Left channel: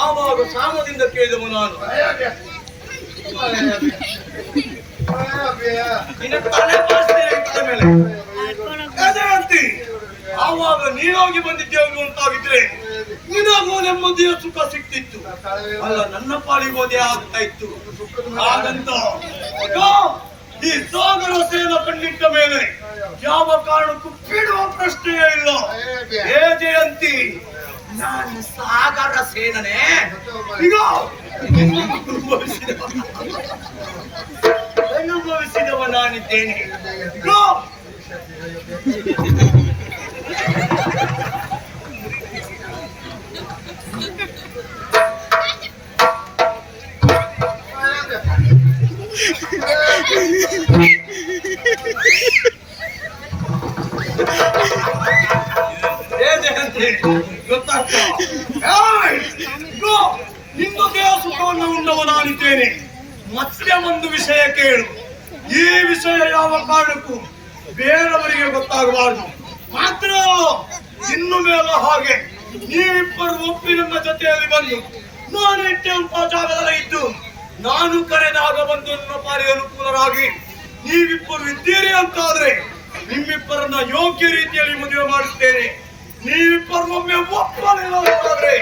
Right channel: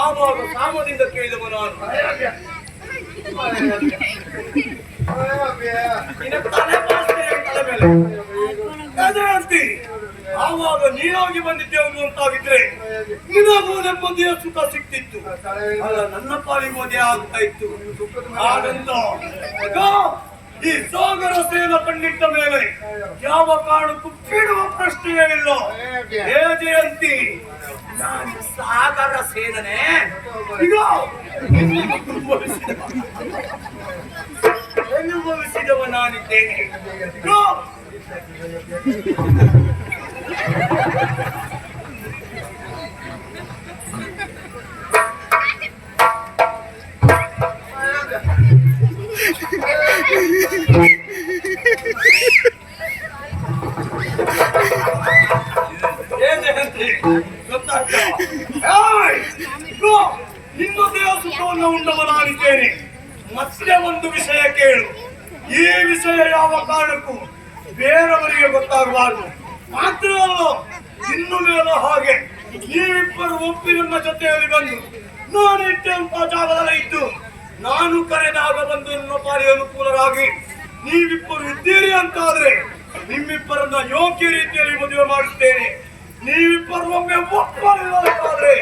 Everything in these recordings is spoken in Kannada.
ಆವಾಗ ಸಾಮದಿಂದ ಕೇಳಿದವ ನಾನು ಆವಾಗ ನೀನಾಗಿ ಬಂದಿದ್ದೇವೆ ಅಂತಾಗಿದ್ರೆ ನಿನಗೂ ನೆಮ್ಮದಿಯ ಸುಖ ಸಿಕ್ತಿತ್ತು. ಅಲ್ಲ, ನನ್ನ ಪಾಲಿಗೋದೇ ಆಗ್ತಾ ಇತ್ತು. ಹಾಗಂತ ಈ ಸಾಗರ ಸೇನ ಕಂಡಿಟ್ಟ ಮೇಲೆ ಯಾವ ಕಾರಣಕ್ಕೂ ಬಿಡುವ ಪ್ರಶ್ನೆಯೇ ಇಲ್ಲ. ಹೇ ಜಯಂತಿ, ನಾನು ಸಾಗರ ಸೇನನೆ ಈಗ ಅನುಭವಿಸಿದವ ನಾನಿದ್ದೇನೆ. ನಿನ್ನ ದೇಹ ಸುಖವನ್ನು ಉಂಡವ ನಾನಿದ್ದೇನೆ. ಮತ್ತೆ ಒಂದು ವಿಷಯ ಕೇಳು. ಈ ವಿಷಯ ಯಾವ ಕಾರಣಕ್ಕೂ ಬೇರೆಯವರಿಗೆ ಗೊತ್ತಾಗಬಾರದು. ಮಾತ್ರ ಇನ್ನು ಮೇಲೆ ಹಾಗೆ ನೀವಿಬ್ಬರು ಒಪ್ಪಿ ನನ್ನ ಜೊತೆಯಲ್ಲಿ ಬಂದು ನಾನಿಟ್ಟಂತ ಜಾಗದಲ್ಲಿ ಇದ್ದು ನಾನು ಕರೆದಾಗ ಬಂದು ನನ್ನ ಪಾರಿ ಅನುಕೂಲರಾಗಿ ನೀವಿಬ್ಬರು ಇದ್ದೀರಿ ಅಂತಾದ್ರೆ ನಿಮ್ಮಿಬ್ಬರನ್ನ ಯೋಗ್ಯ ರೀತಿಯಲ್ಲಿ ಮದುವೆ ಮಾಡುತ್ತೇನೆ. ನೀವಿಬ್ಬರು ಒಮ್ಮೆ ಒಪ್ಪಲಿಲ್ಲ ಅಂತಾದ್ರೆ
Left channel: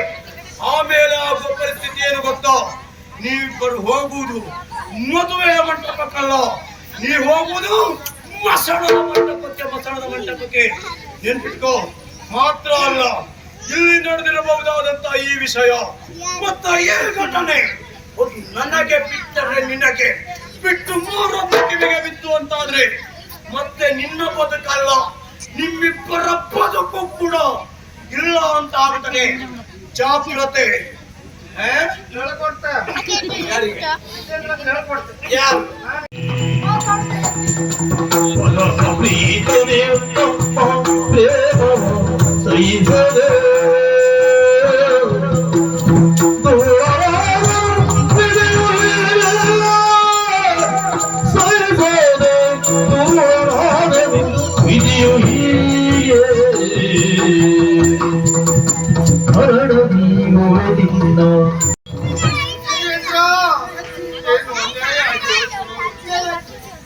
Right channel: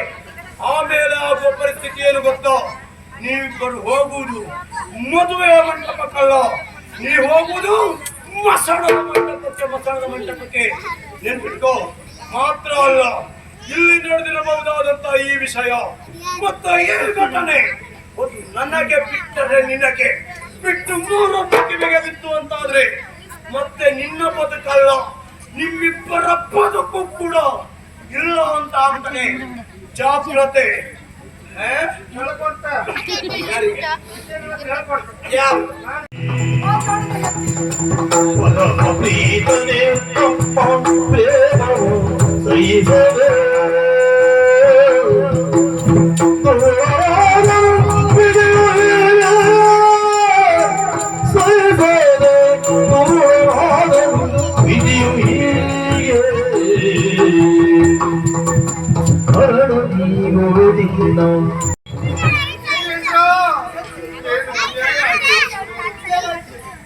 ಆಮೇಲೆ ಆಗುವ ಪರಿಸ್ಥಿತಿ ಏನು ಗೊತ್ತೋ? ನೀವಿಬ್ಬರು ಹೋಗುವುದು ಮದುವೆಯ ಮಂಟಪಕ್ಕಲ್ಲ, ನೀವು ಹೋಗುವುದು ಮಸಣದ ಮಂಟಪಕ್ಕೆ. ನೆನ್ಪಿಟ್ಕೋ. ಮಾತ್ರ ಅಲ್ಲ, ಇಲ್ಲಿ ನಡೆದಿರಬಹುದಾದಂತ ಈ ವಿಷಯ ಮತ್ತೆ ಈ ಘಟನೆ ನನಗೆ ಬಿಟ್ಟರೆ ನಿನಗೆ ಬಿಟ್ಟು 3 ಕಿವಿಗೆ ಬಿತ್ತು ಅಂತಾದ್ರೆ ಮತ್ತೆ ನಿನ್ನ ಬದುಕಲ್ಲ, ನಿಮ್ಮಿಬ್ಬರ ಬದುಕು ಕೂಡ ಇಲ್ಲ ಅಂತ ಆಗ್ತಾನೆ. ಜಾಗ್ರತೆ.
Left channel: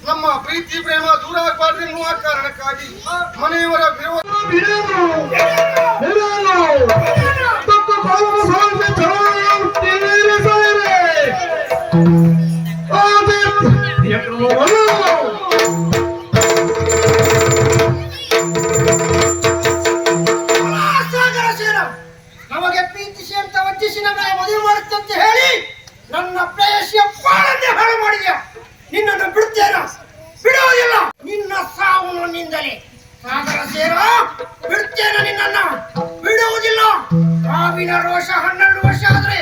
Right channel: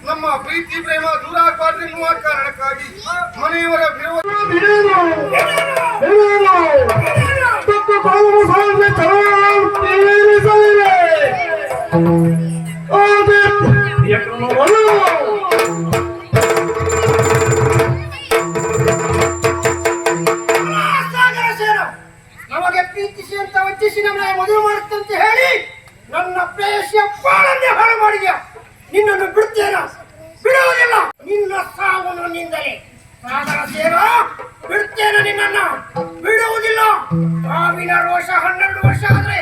ನಮ್ಮ ಪ್ರೀತಿ ಪ್ರೇಮ ದೂರ ಆಗಬಾರ್ದು ಎನ್ನುವ ಕಾರಣಕ್ಕಾಗಿ ಮನೆಯವರ ವಿರೋಧ ನಮಗೆ ಪ್ರೀತಿಸಿ ಅಂತ ವಂಚಿಸಿ ನಮ್ಮ ಮದುವೆ ಮಾಡುತ್ತಂತೆ ಹೇಳಿ ನನ್ನ ಪ್ರೇಯಸಿಯ ಬಾಳನ್ನೇ ಹಾಳು ಮಾಡಿದ್ಯಾ. ನಿನ್ನನ್ನು ಬಿಡ್ತೇನ? ಬಿಡುವುದಿಲ್ಲ. ನಿನ್ನ ಸಾವು ನನ್ನಿಂದಲೇ. ಸಾಗರ ಸೇನ, ಬಿಡ್ತೇನೆ ನಿನ್ನನ್ನು, ಬಿಡುವುದಿಲ್ಲ. ಸಾವಿನ ರೋಷ 12 ವರ್ಷ ಆದ್ರೆ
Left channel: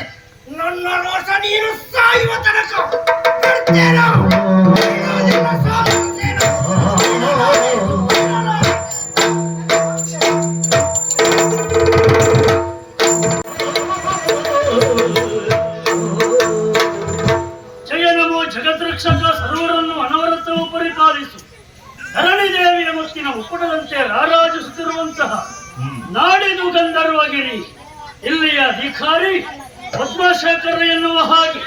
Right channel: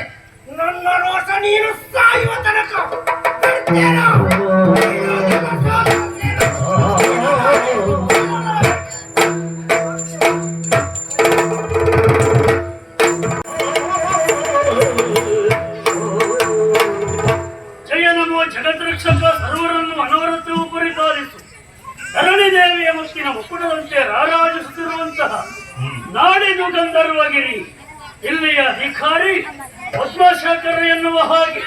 ನನ್ನ ರೋಷ ನೀನು ಸಾಯುವ ತನಕ ಬಿಡ್ತೇನ. ಧರಣಿದೇವಿಯ ಮುತ್ತಿನ ಮುಕ್ಕುಟದಂತೆ ರಾರಾಜಿಸುತ್ತಿರುವಂತಹ ನಾಡಿದು ಗಂಧರ್ವಗಿರಿ ಇಲ್ಲಿಯ ಅಧಿಕಾರಿ ಪದ್ಮಶೇಖರ ಎನ್ನುವ ಹಾಗೆ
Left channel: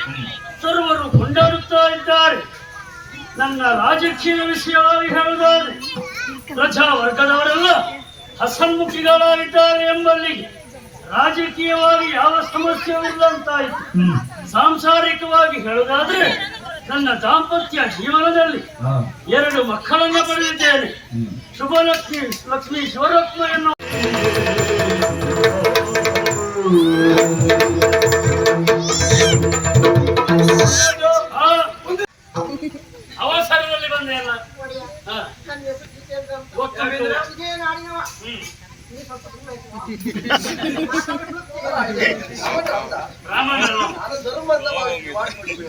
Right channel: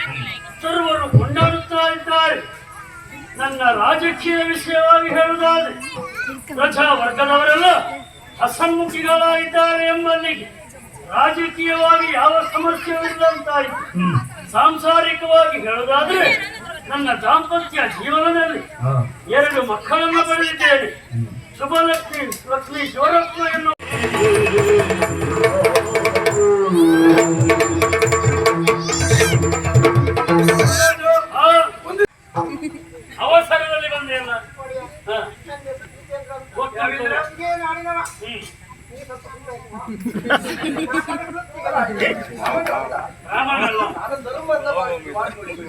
ಸರ್ವರು ಕೊಂಡಾಡುತ್ತಾ ಇದ್ದಾರೆ. ನನ್ನ ರಾಜಕೀಯ ವಿಷಯವಾಗಿ ಹೇಳುವುದಾದರೆ ಪ್ರಜಾ ವರ್ಗದವರೆಲ್ಲ ಹಸನ್ಮುಖಿಗಳಾಗಿದ್ದಾರೆ ಎಂಬಲ್ಲಿಗೆ ರಾಜಕೀಯವಾಗಿ ಯಾವ ಸಮಸ್ಯೆಯೂ ಇಲ್ಲಂತಾಯಿತು. ಸಾಂಸಾರಿಕವಾಗಿ ಹೇಳುವುದಾದ್ರೆ ನನ್ನ ದಾಂಪತ್ಯ ಜೀವನದಲ್ಲಿ 2 ಮಕ್ಕಳನ್ನ ಪಡೆದಿದ್ದೇನೆ. ಶುಭಲಕ್ಷ್ಮಿ ಲಕ್ಷ್ಮೀ ಶಿವರತ್ನ ಎನ್ನುವ ಅವಸರದಲ್ಲಿ ಬಂದೆ ಅಲ್ಲ. ರಾಮನಲ್ಲ ಗೊತ್ತು.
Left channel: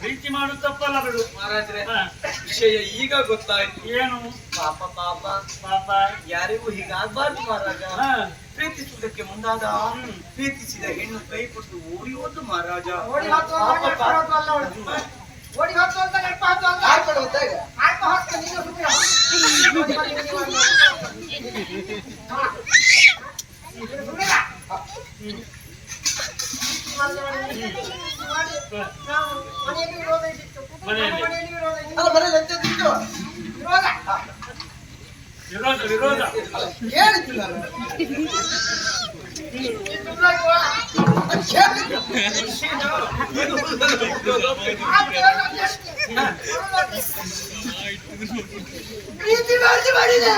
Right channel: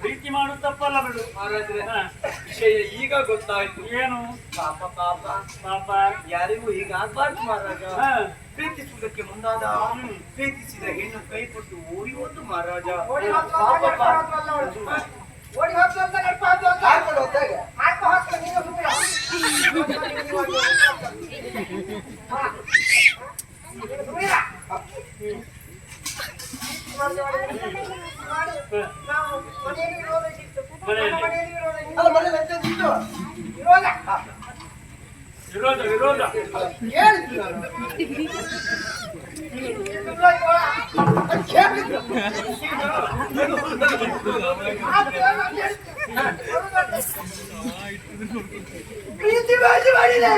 ಪ್ರೀತಿ ಮಾಡು ತಪ್ಪಲ್ಲ ಬಿಡು ಮಹಾರಾಜರೇ. ವಿಷಯ ಈಗ ಗೊತ್ತಾಯ್ತು. ಏನು ಪಾಪ ಪಾಪ ಪಾಪ ಯಾರಿಗೂ ಹೀಗಾಗಬಾರ್ದು ಮಹಾರಾಜ. ಪ್ರೀತಿಸುವುದಕ್ಕೆ ಮುಂದಾದ ಪ್ರೀತಿಸಿದ ಹೆಣ್ಣು ಕೈ ಕೊಟ್ಟು ಓಡಿ ಹೋದ್ದು ಮಹಾರಾಜ. ವಿರೋಧ ವಿರೋಧ ಪ್ರೀತಿ ಮಾಡಿದೆ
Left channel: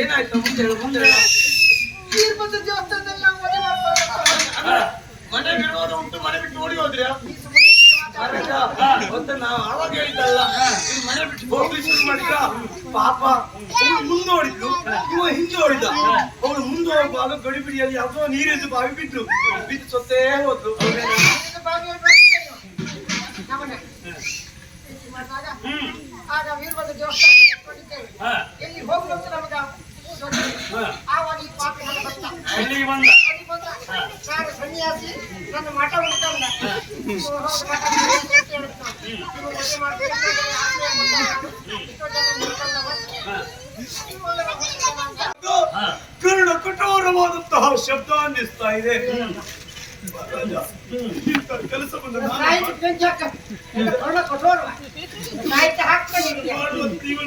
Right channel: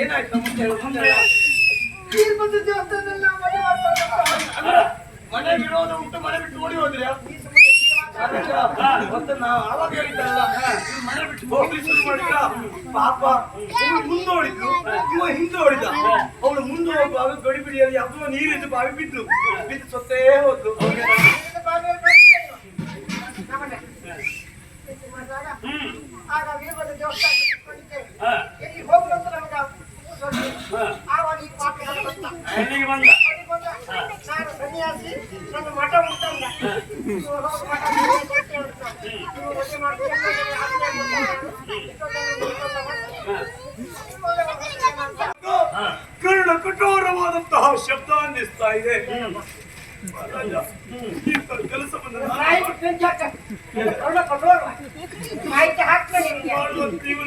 ಏನಾಯ್ತು ಮುಂದೆ? ಮನೆ ವಿರೋಧ ಉಂಟು, ಮನೆ ಬಿಟ್ಟು ಓಡಿ ಹೋದ್ರ್ಯಾ? ಮತ್ತೆ ನಾವು ಆವಾಗ ಹೇಳಿದ್ದಲ್ಲ, ನೀವು ಮನೆ ಬಿಟ್ಟು ಹೋಗ್ಲಿ ಶುರು ಮಾಡಿದ್ರ. ಪಾಪ ಅವಳು ಮುಂದೆ ಓಡಿದ್ಲು, ಇವ ಹಿಂದೆ ಓಡಿದ. ಅವಳು ಮುಂದೆ ಹೋಗುವಾಗ ಗಡಿಬಿಡಿಯಲ್ಲಿ ಅಥವಾ ನೀರಿದ್ದು ಬಾವಿ ಬಿದ್ದು ಸೊತ್ತೇ ಹೋದ್ರು. ಆಗ ವೀರಭದ್ರ ದೇವಸ್ಥಾನ ಎಲ್ಲಿ ಹೋಗುವಂತ ನಮಗ ಆವಾಗ ಈ ಪಾಪ ನಾನು ಸನ್ಯಾಸಿ, ನನ್ನ ಮಠ ಉಂಟಲ್ಲ ಕರ್ಣ ಕಠೋರವಾದಂತಹ ಶಬ್ದ ಅನ್ನಿಸ್ತಾ ಇದೆ. ಕೆಲಸವನ್ನು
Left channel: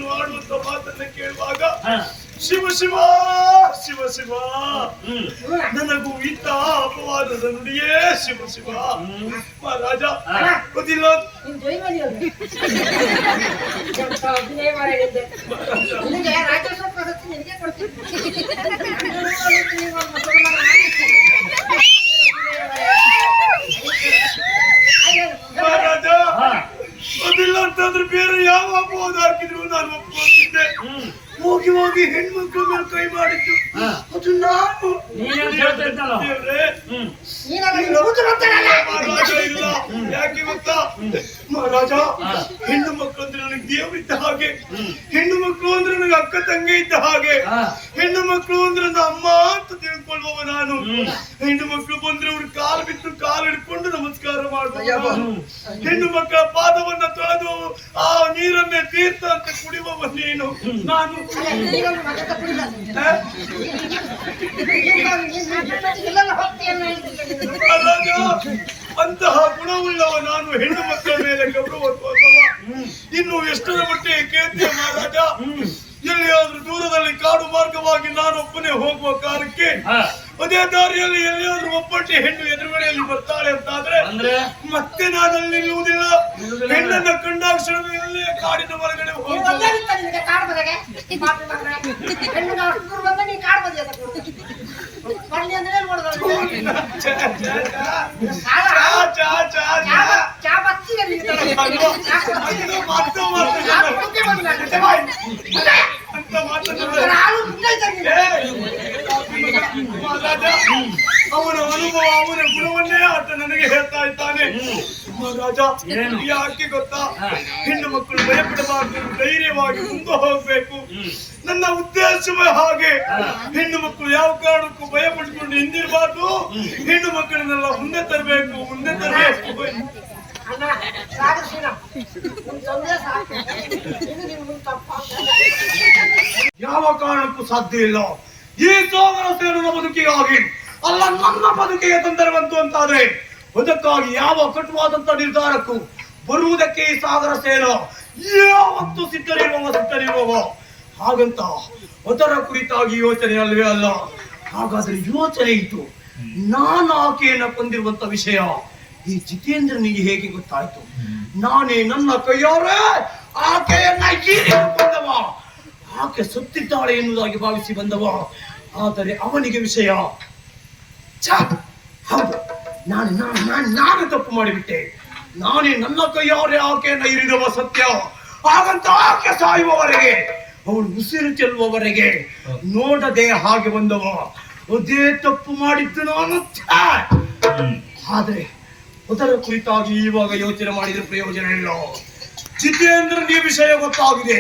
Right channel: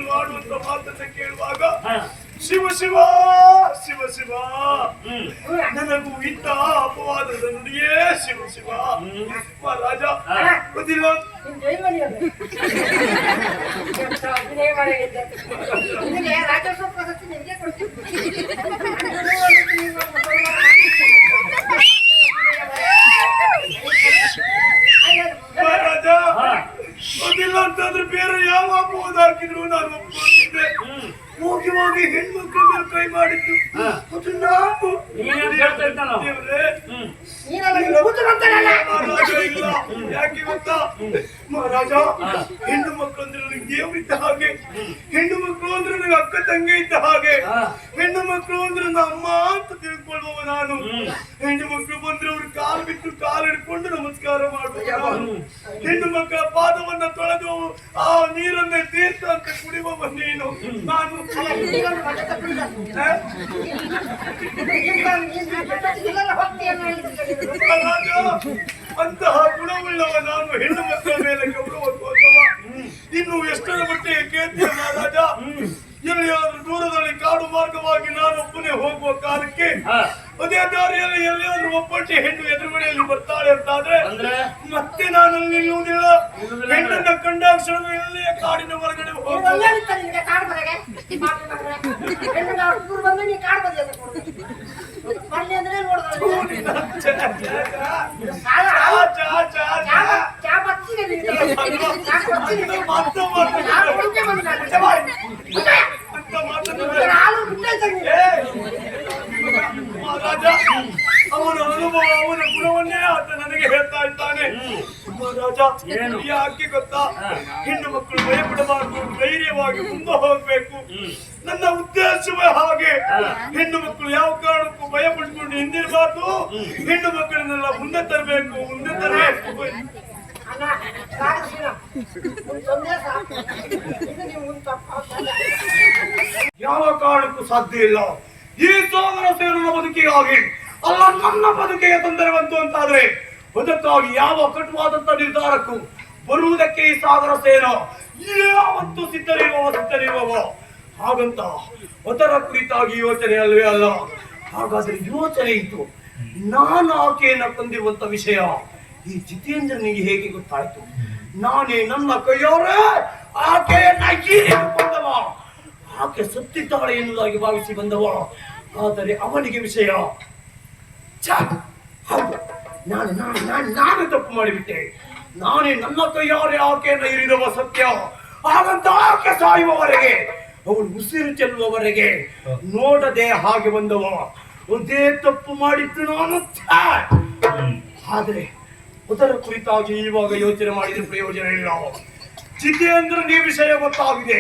ಮಾಡುವಂತ ಮಾತನ್ನ ಕೇಳುವಾಗ ಶಿವ ಶಿವ ಶಿವ ಶಿವ ನನಗೂ ಇಂತಹ ಅಪವಾದದ ನುಡಿಯೇ ಶಿವ ಶಿವ. ಮಹಾರಾಜ ಗೊತ್ತಿಲ್ಲ ರಾಜ್ಯೋತ್ಸವ ಪ್ರಶಸ್ತಿ ನಿನಗೆ ಕೊಡ್ತೀನಿ. ಮಹಾರಾಜ ಗೊತ್ತಿಲ್ಲ ಅಂತಂದ್ರೆ ಬೇರೆ ಯಾವ ಅಪವಾದ ಹಾಕಿದ್ರು ನಾನು ಒಪ್ಕೊಳ್ತಿದ್ದೆ. ಹೋಗಿ ಹೋಗಿ ಹೆಣ್ಮಕ್ಳ ಮೇಲೆ ಕೈ ಮಾಡಿದ್ದು ಅದು ನಾನು. ದೇವ್ರೇ, ಮಹಾರಾಜ ಇಲ್ಲ. ಯಾಕೆ ಗೊತ್ತಾ ಮಹಾರಾಜ, ಹೆಣ್ಣು ಮಕ್ಕಳು ಅಂದ್ರೆ ನನಗೆ ದೇವ್ರಿದ್ದ ಹಾಗೆ, ಹೆಣ್ಣು ಮಕ್ಕಳು ಅಂದ್ರೆ ನನಗೆ ಅಕ್ಕ ತಂಗಿ ಇದ್ದ ಹಾಗೆ, ಹೆಣ್ಣು ಮಕ್ಕಳು ಅಂದ್ರೆ ನನ್ನ ಅಮ್ಮ ಅಂತ ತಿಳ್ಕೊಳ್ಬವ ನಾನು. ಹೆಣ್ಣು ಮಕ್ಕಳು ಬಂದ್ರೆ ಅವ್ರ ಕಾಲು ಬಿಟ್ಟು ಕಾಲು ಹಿಡ್ಕೊಂಡು ನಮಸ್ಕಾರ ಮಾಡುವ, ಹೆಣ್ಣು ಮಕ್ಕಳ ಪಾದವನ್ನ ತೊಳೆದು ಆ ನೀರನ್ನೇ ತೀರ್ಥ ಅಂತ ಕುಡಿಯುವವ ನೀನು. ನಾನು ಅಂತಹ ಗುಣವುಳ್ಳವ ನಾನು. ಹೆಣ್ಣು ಮಕ್ಕಳ ಮೇಲೆ ಗೌರವ ತೋರುವ ಇನ್ನು ಎಷ್ಟರ ಮಟ್ಟಿಗೆ ಕೇಳ್ತೀಯ ಮಹಾರಾಜ? ಎಲ್ಲಿಯಾದ್ರೂ ದೂರದಲ್ಲಿ ಕಾಡು ಮಾರ್ಗವಾಗಿ ನಾನೊಬ್ಬನೇ ಹೋಗುವ ಕಾಲಕ್ಕೆ ಅದೇ ದಾರಿಯಲ್ಲಿ ಎಲ್ಲಿಯಾದ್ರೂ ಒಬ್ಬಟ್ಟಿ ಹೆಣ್ಣು ಎದುರುಗಡೆಯಲ್ಲಿ ಬರ್ತಾಳೆ ಅಂತಾದ್ರೆ ಮತ್ತೆ ನಾನಲ್ಲಿ ನಿಲ್ಲುವುದಿಲ್ಲ. ಹೆಣ್ಣನ್ನ ಕಂಡಾಗ ಕ್ಷಣ ಎಲ್ಲೇ ಕಾಡಿನ ಹೊರಗಡೆ ಹೋಗುವ. ಮಹಾರಾಜ, ಅವನ ಅನುಭವ ಅವನ ಗುಣವನ್ನೇ ಆತ ನನಗೆ ಹೇಳ್ತಾ ಇದ್ದಾನೆ. ಮಹಾರಾಜ ಏನು? ಯಾಕೆ ಗೊತ್ತಾ ಹಾ. ಹೆಣ್ಣು ಮಕ್ಕಳು ಭಯಪಡಬಾರ್ದು, ಧೈರ್ಯವಾಗಿ ಮುಂದೆ ಹೋಗ್ಬೇಕು. ನನ್ನ ಉದ್ದೇಶವೇ ಹಾಗೆ. ಹೆಣ್ಣು ಮಕ್ಕಳು ಯಾವ ಕಾರಣಕ್ಕೂ ಭಯ ಪಟ್ಕೊಂಡು ಹಿಂದಿರಬಾರ್ದು. ಹೆಣ್ಣು ಮಕ್ಕಳನ್ನೆಲ್ಲ ಮುಂದೆ ತರಬೇಕು, ಮುಂದೆ ತರಬೇಕು. ಅಣ್ಣ ಸಾಗಿಸಿನ ನಿನ್ ತೊಂದ್ರೆ ಸಾಕು ಇನ್ನು ನೀವು ಮುಂದೆ ತಪ್ಪಾಗ್ತದೆ. ಯಾವ ಕಾರಣಕ್ಕೂ ಸಾಧ್ಯ ಇಲ್ಲ. ಈ ಸೋದರ ಸೇನ ಬದುಕಿಗಾಗಿ ಅಲ್ಲ, ನನ್ನ ಬದುಕಿಗೆ ತೊಂದರೆ ಬಂತು ಅಂತಾದ್ರೆ ಅದಕ್ಕಾಗಿ ಯಾವ ಕಟುವಾದಂತ ನಿರ್ಧಾರಕ್ಕೂ ಬರುವುದಕ್ಕೆ ಈ ಸಾಗರ ಸೇನ ಯಾವತ್ತು ಸಿದ್ಧರಿರುವವ. ಹಾಗಂತ ಅದರ ಕುರಿತಾಗಿ ಯೋಚನೆ ಅಲ್ವೇ ಅಲ್ಲ. ಹಾಗಾದ್ರೆ ಯೋಚನೆ ಇತ್ತು. ನಾನು ಆಕೆಯನ್ನ ಕೊಂದಿರುವಂತ ವಿಷಯ ಈ ಜಿತೇಂದ್ರನಿಗೆ ಹೇಗೆ ಗೊತ್ತಾಯ್ತು? ನಾನೇ ನನ್ನ ಕೈಯಾರೆ ಆಕೆಯನ್ನ ಕೊಂದವ. ಆಕೆ ಸತ್ತಿದ್ದಾಳೆ ಎನ್ನುವುದಾಗಿ ಭಾವಿಸಿ ಬಂದವ. ಆದರೆ ಅವನಿಗೆ ವಿಷಯ ಹೌದು, ನಾನು ತಪ್ಪು ಮಾಡಿಬಿಟ್ಟೆ. ನಾನೇ ನನ್ನ ಕೈಯಾರೆ ಆಕೆಯನ್ನ ಇರಿದವ ಸತ್ಯ. ಹಾಗಂತ ಆಕೆ ಸಾಯುವವರೆಗೆ, ಅವಳು ಉಸಿರು ಚೆಲ್ಲುವವರೆಗೆ ನೋಡದೆ ಹಾಗೆ ಬಂದವ. ಅದೇ ತಪ್ಪು ಮಾಡಿದ್ದು ನಾನು. ಆದ್ರೆ ಅದರ ಕುರಿತಾಗಿ ಇವಾಗ ಯೋಚನೆ ಮಾಡಿದ್ರೆ ಪ್ರಯೋಜನ ಇಲ್ಲ. ಜಿತೇಂದ್ರನಿಗೆ ಈ ವಿಷಯ ಗೊತ್ತಾಗಿದೆ.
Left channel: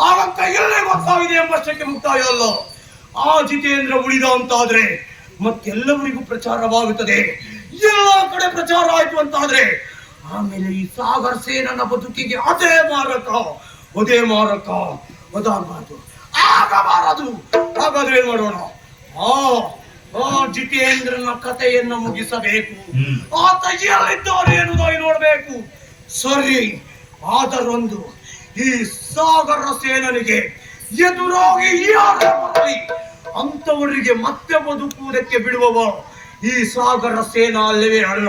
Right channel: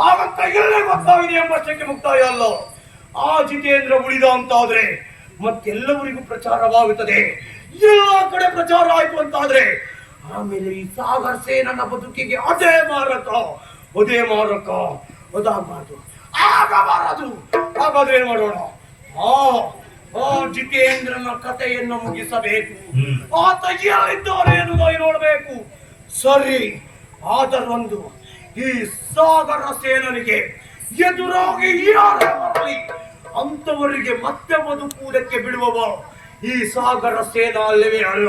ಹಾಗಂತ ಎಲ್ಲೇ ಗೊತ್ತಾಗಿದೆ ಎಂಬಷ್ಟಕ್ಕೆ ಮುಕ್ತಾಯ ಅಲ್ಲ. ಆ ಜಿತೇಂದ್ರ ಉಳಿದ ಅಂತಾದ್ರೆ ಮತ್ತೆಲ್ಲವರಿಗೂ ಪ್ರಚಾರವಾಗುತ್ತದೆ. ಎಲ್ಲ ಕಡೆ ಪ್ರಚಾರ ಆಯ್ತು ಅಂತಾದ್ರೆ ಆಮೇಲೆ ಈ ಸಾಗರ ಸೇನನ ಬದುಕಿಗೆ ಅದೇ ಮಾರಕ. ಆಗಬಾರದು. ಹಾಗಾದ್ರೆ ಏನ್ ಮಾಡೋಣ? ಆ ಜಿತೇಂದ್ರನ ಕಥೆಯನ್ನ ಮುಗಿಸಬೇಕು. ಆತ ಎಲ್ಲಿದ್ದಾರೆ ಎನ್ನುವುದಾಗಿ ನೋಡ್ಬೇಕು. ಸರಿ, ಆದರೊಂದು ಈ ಸಾಗರ ಸೇನನಿಗೆ ಎದುರಾಗಿ ಯಾರೇ ಬರಲಿ ಅಂತವರಿಗೆ ಮತ್ತೆ ಬದುಕುವುದಕ್ಕೆ ಬಿಡುವವ ಈ ಸಾಗರ ಸೇನಾ ಅಲ್ಲವೇ ಅಲ್ಲ.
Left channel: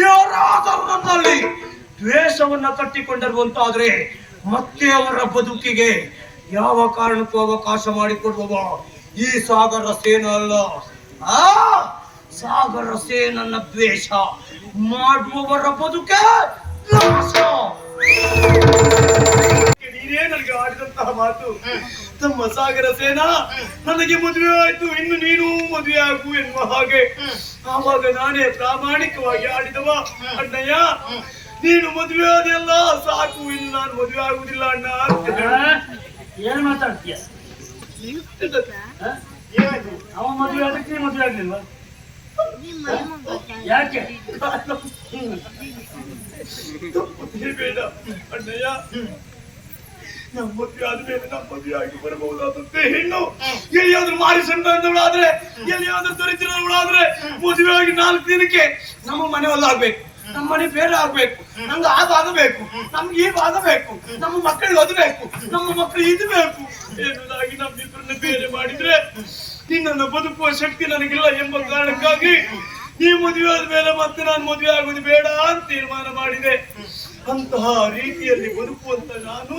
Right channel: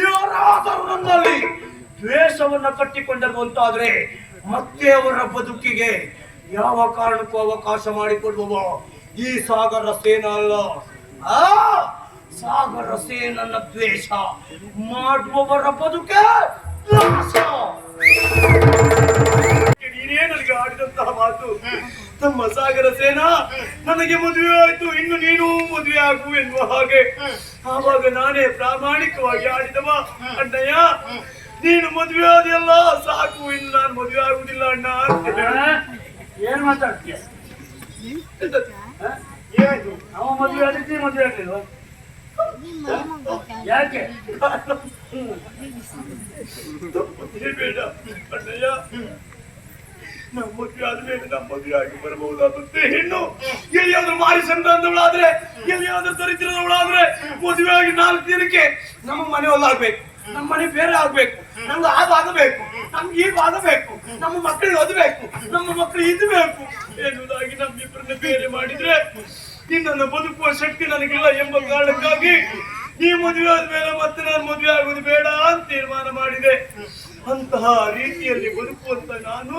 ಯಾರಾದರೂ ನನ್ನಲ್ಲಿ ದ್ವೇಷವನ್ನ ಕಟ್ಟಿಕೊಂಡಿರುವಂತಾದ್ರೆ ಮತ್ತೆ ಅವರ ಬದುಕಿಗೆ ಯಾವ ಕಾರಣಕ್ಕೂ ಅವಕಾಶ ಮಾಡಿಕೊಡುವವ ಈ ಸಾಗರ ಸೇನಾ ಅಲ್ಲ. ಆ ಸಾಗರ ಸೇನನ ದ್ವೇಷ ಮಾಡುವವರ ಬದುಕೆ ನಾಶ. ನೀನೇ ನನಗೆ ಆಡಿದಂತಹ ಮಾತು. ನಮ್ಮ ಸಾಗರ ಸೇನಾ ನನಗೆ ಮದುವೆ ಆಯ್ತು, ಇನ್ನು ನೀನು ಮದುವೆ ಆಗು ಎನ್ನುವ ಹಾಗೆ. ಆವಾಗ ನಾನೇ ಪ್ರಾಮಾಣಿಕವಾಗಿ ಆಡಿದವ. ಅಣ್ಣಯ್ಯ, ನೀನು ಮದುವೆ ಆದೆಲ್ಲ ಸಾಕು, ಇನ್ನು ನಾನು ಮದುವೆ ಆಗುದಿಲ್ಲ ಅಣ್ಣ. ಏನ್ ಮಾತಾಡ್ತೀಯ? ಅವ ಮದುವೆ ಅದಕ್ಕೆ ನೀ ಮದುವೆ ಆಗ್ಲಿಲ್ವಾ? ಯಾಕೆ? ಬೇಡ ಅಣ್ಣಯ್ಯ, ನಮ್ಮ ಮದುವೆ ಆದ್ಮೇಲೆ ನಮ್ಮ ಮದುವೆ ಆಗಿ ಬರಬಹುದಾದಂತೆ ಹೆಣ್ಣು ಎಲ್ಲಿಯಾದ್ರೂ ಮಾರಿಸಂತಾದ್ರೆ, ಎಲ್ಲಿಯಾದ್ರೂ ದರಿದ್ರದವಳಾದ್ರೆ ಮದುವೆ ಆಗಿ 4 ದಿನಕ್ಕೆ ನಮ್ಮ ಮನೆ ಹೊಲ್ಲಾಗ್ಬೇಕು, ನಮ್ಮ ಮನೆ ಬೇರೆ ಆಗ್ಬೇಕು, ನಮ್ಗೆ ಆಗಬೇಕು, ನಮ್ಗೆ ಈಗ ಆಗಬೇಕು, ನಮ್ಮ ಮಕ್ಕಳಿಗೆ ಓದಬೇಕು, ನಮ್ಮ ಮಕ್ಕಳು ಇದ್ಬೇಕು ಎನ್ನುವುದಾಗಿ ನಮ್ಮಿಬ್ಬರನ್ನ ಬೇರೆ ಮಾಡಿದ್ರೆ ನಿನ್ನನ್ನು ಬದುಕುವ ಶಕ್ತಿ ನನಗಿಲ್ಲ ಎಂಬ ಕಾರಣಕ್ಕಾಗಿ ಈ ಮದುವೆ ಆದ್ಮೇಲೆ ಮತ್ತೆ ನಾನು ಮದುವೆ ಆಗುವುದು ಬೇಡ ಅಂತ ತೀರ್ಮಾನ ಮಾಡಿದೆ. ಅಂತಹ ರೀತಿಯಲ್ಲಿ ಬದುಕುವಂತ ನಾನು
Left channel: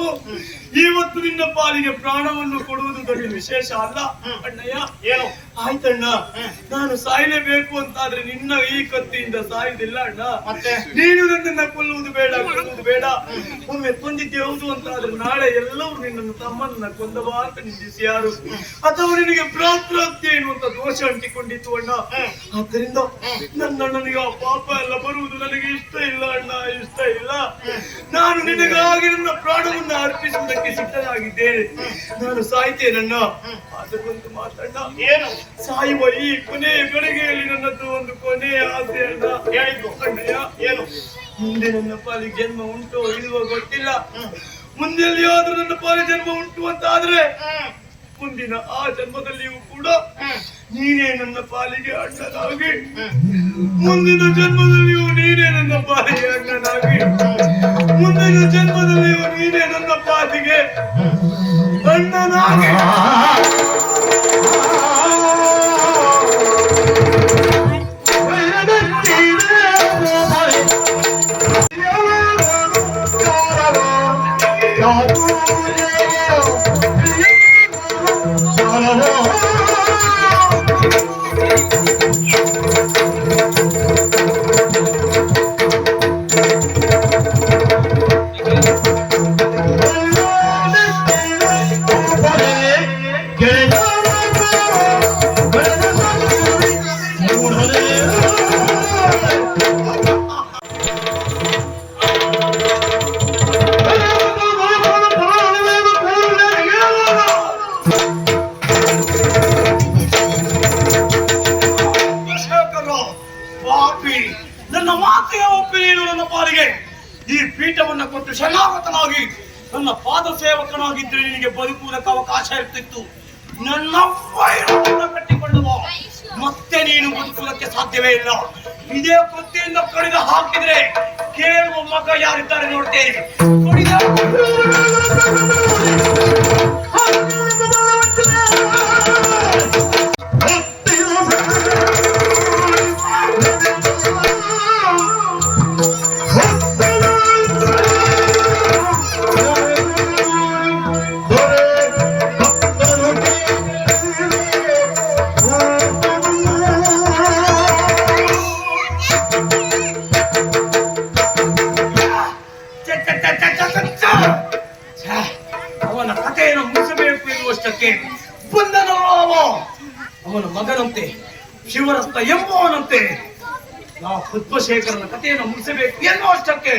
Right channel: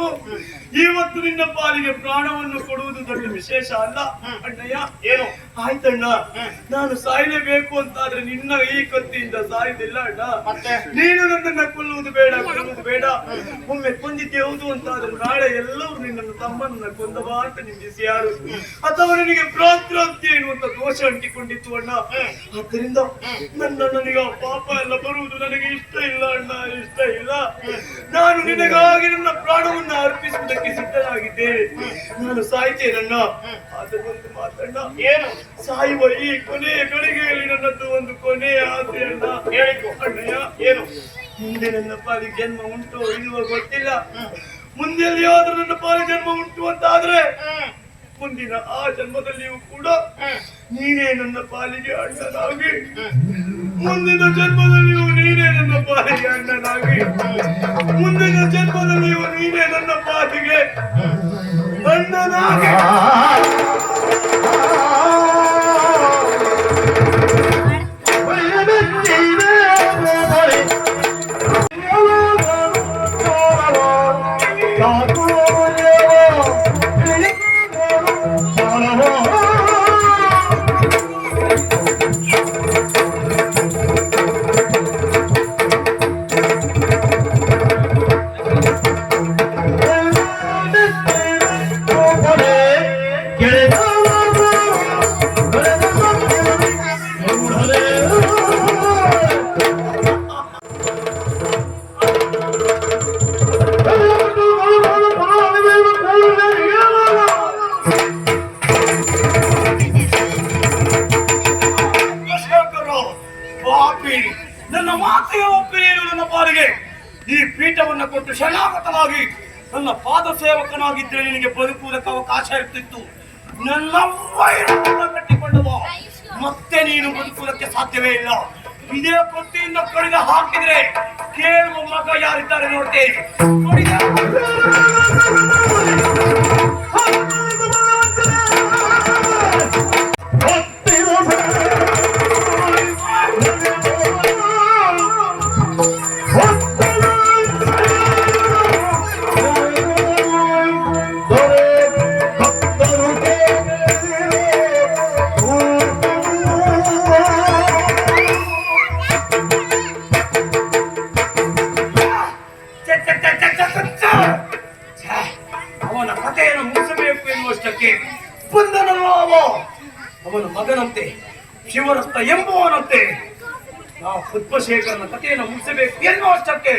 ಇವತ್ತು ನಿನ್ನ ಪಾಲಿಗೆ ಪ್ರಾಣವನ್ನು ಕೊಡುವುದು ದೊಡ್ಡ ವಿಶೇಷ ಅಲ್ಲ ಅಣ್ಣಯ್ಯ. ಏನು ಆಯ್ತಣ್ಣ, ನಾನು ಸಾಯಲೇಬೇಕು ಅಂತಾದ್ರೆ ನಿನ್ನ ಈ ಕತ್ತಿಯಿಂದ ಸಾಯುವುದಿಲ್ಲ ಅಣ್ಣ. ನೀನು ನಿನ್ನನ್ನ ಕೊಲ್ಲುವುದು ಬೇಡ, ಕೊಲ್ಲುವುದು ಬೇಡ. ಒಮ್ಮೆ ಕೊಂದಿದ್ದೆ ಹೌದು ಅಂತಾದ್ರೆ ನಾಳೆ ಎಲ್ಲರೂ ನಿನ್ನನ್ನು ತಮ್ಮನ್ನ ಕೊಂದವ ಅಂತ ನಿಂದಿಸಿ ಯಾರು, ಅಥವಾ ನಿನಗೆ ಭ್ರಾತೃಹತ್ಯೆ ಎನ್ನುವಂತ ದೋಷ ಅಂಟಿಕೊಂಡಿತ್ತು ಅಣ್ಣ. ಆದ್ದರಿಂದ ನನ್ನಣ್ಣನಿಗೆ ಆ ಪಾಪ ಎಲ್ಲ ಬರುವುದು ನನಗೆ ಇಷ್ಟ ಇಲ್ಲ ಅಣ್ಣ, ಇಷ್ಟ ಇಲ್ಲ. ನಾನು ನಿನಗಾಗಿ ನನ್ನ ಪ್ರಾಣವನ್ನು ಅರ್ಪಿಸುವುದಕ್ಕೆ ಸಿದ್ಧನಾಗಿದ್ದೇನೆ. ನಾನು ಸಾಯ್ತೇನಣ್ಣ. ಅದು ಒಂದು ಮಾತಣ್ಣ, ಏನು ಸಾಯುವ ಈ ಕೊನೆಯ ಗಳಿಗೆಯಲ್ಲಿ ನನ್ನದು ಒಂದು ಕೊನೆಯ ಆಸೆ ಅಣ್ಣ. ಹೇಳಿಕೊ ಅಣ್ಣಯ್ಯ. ಏನು? ಮುಂದೆ ನನ್ನ ಪಾಲಿಗೆ ಜನ್ಮ ಉಂಟು ಇಲ್ವೋ ಗೊತ್ತಿಲ್ಲ. ಮುಂದೆ ಎಲ್ಲಿಯಾದ್ರೂ ನನ್ನ ಪಾಲಿಗೆ ಜನ್ಮ ಉಂಟು ಅಂತ ಆದ್ರೆ ಮುಂದಿನ ಆ ಜನ್ಮದಲ್ಲಿಯೂ ಕೂಡ ನೀನೇ ನನ್ನ ಪಾಲಿಗೆ ಅಣ್ಣನಾಗಿ, ಮುಂದಿನ ಜನ್ಮದಲ್ಲಿಯೂ ನೀನೇ ನನ್ನ ಪಾಲಿಗೆ ಅಣ್ಣನಾಗಿ, ಮುಂದಿನ ಜನ್ಮದಲ್ಲಿಯೂ ನೀನೇ ನನ್ನ ಪಾಲಿಗೆ ಅಣ್ಣನಾಗಿ. ಪಾದ ಸೇವಕನಾಗಿದ್ರೆ ನಿನಗೆ ಬದುಕುವುದಕ್ಕೆ ಅವಕಾಶ ಇರ್ತಿತ್ತು. ನನ್ನ ವೈರವನ್ನು ಕಟ್ಟಿಕೊಂಡವ ಮತ್ತೆ ನೀನು ಬದುಕುವುದಕ್ಕೆ ಸಾಧ್ಯವೇ ಇಲ್ಲ. ಇದೇ ಕೊತ್ತಿಯಿಂದ ಕಡಿದ ಹಾಕಿದ್ರೆ ಕೇಳುವ ಮಗ ಯಾರಿದ್ದಾರೆ ನೋಡ್ತೇನೆ. ಅವನ ಕಥೆಯನ್ನು ಮುಗಿಸಬೇಕು ಎನ್ನುವಷ್ಟಕ್ಕೆ ಬಂದನೋ ಅವನ ಮಗನಂತೆ ಶಿವರಸ್ತ ಎಂಬುವನಂತೆ ನಾವು ಪದ್ಮಶೇಖರನ ಕಥೆಯನ್ನು ಮುಗಿಸಬೇಕು ಎನ್ನುವಷ್ಟಕ್ಕೆ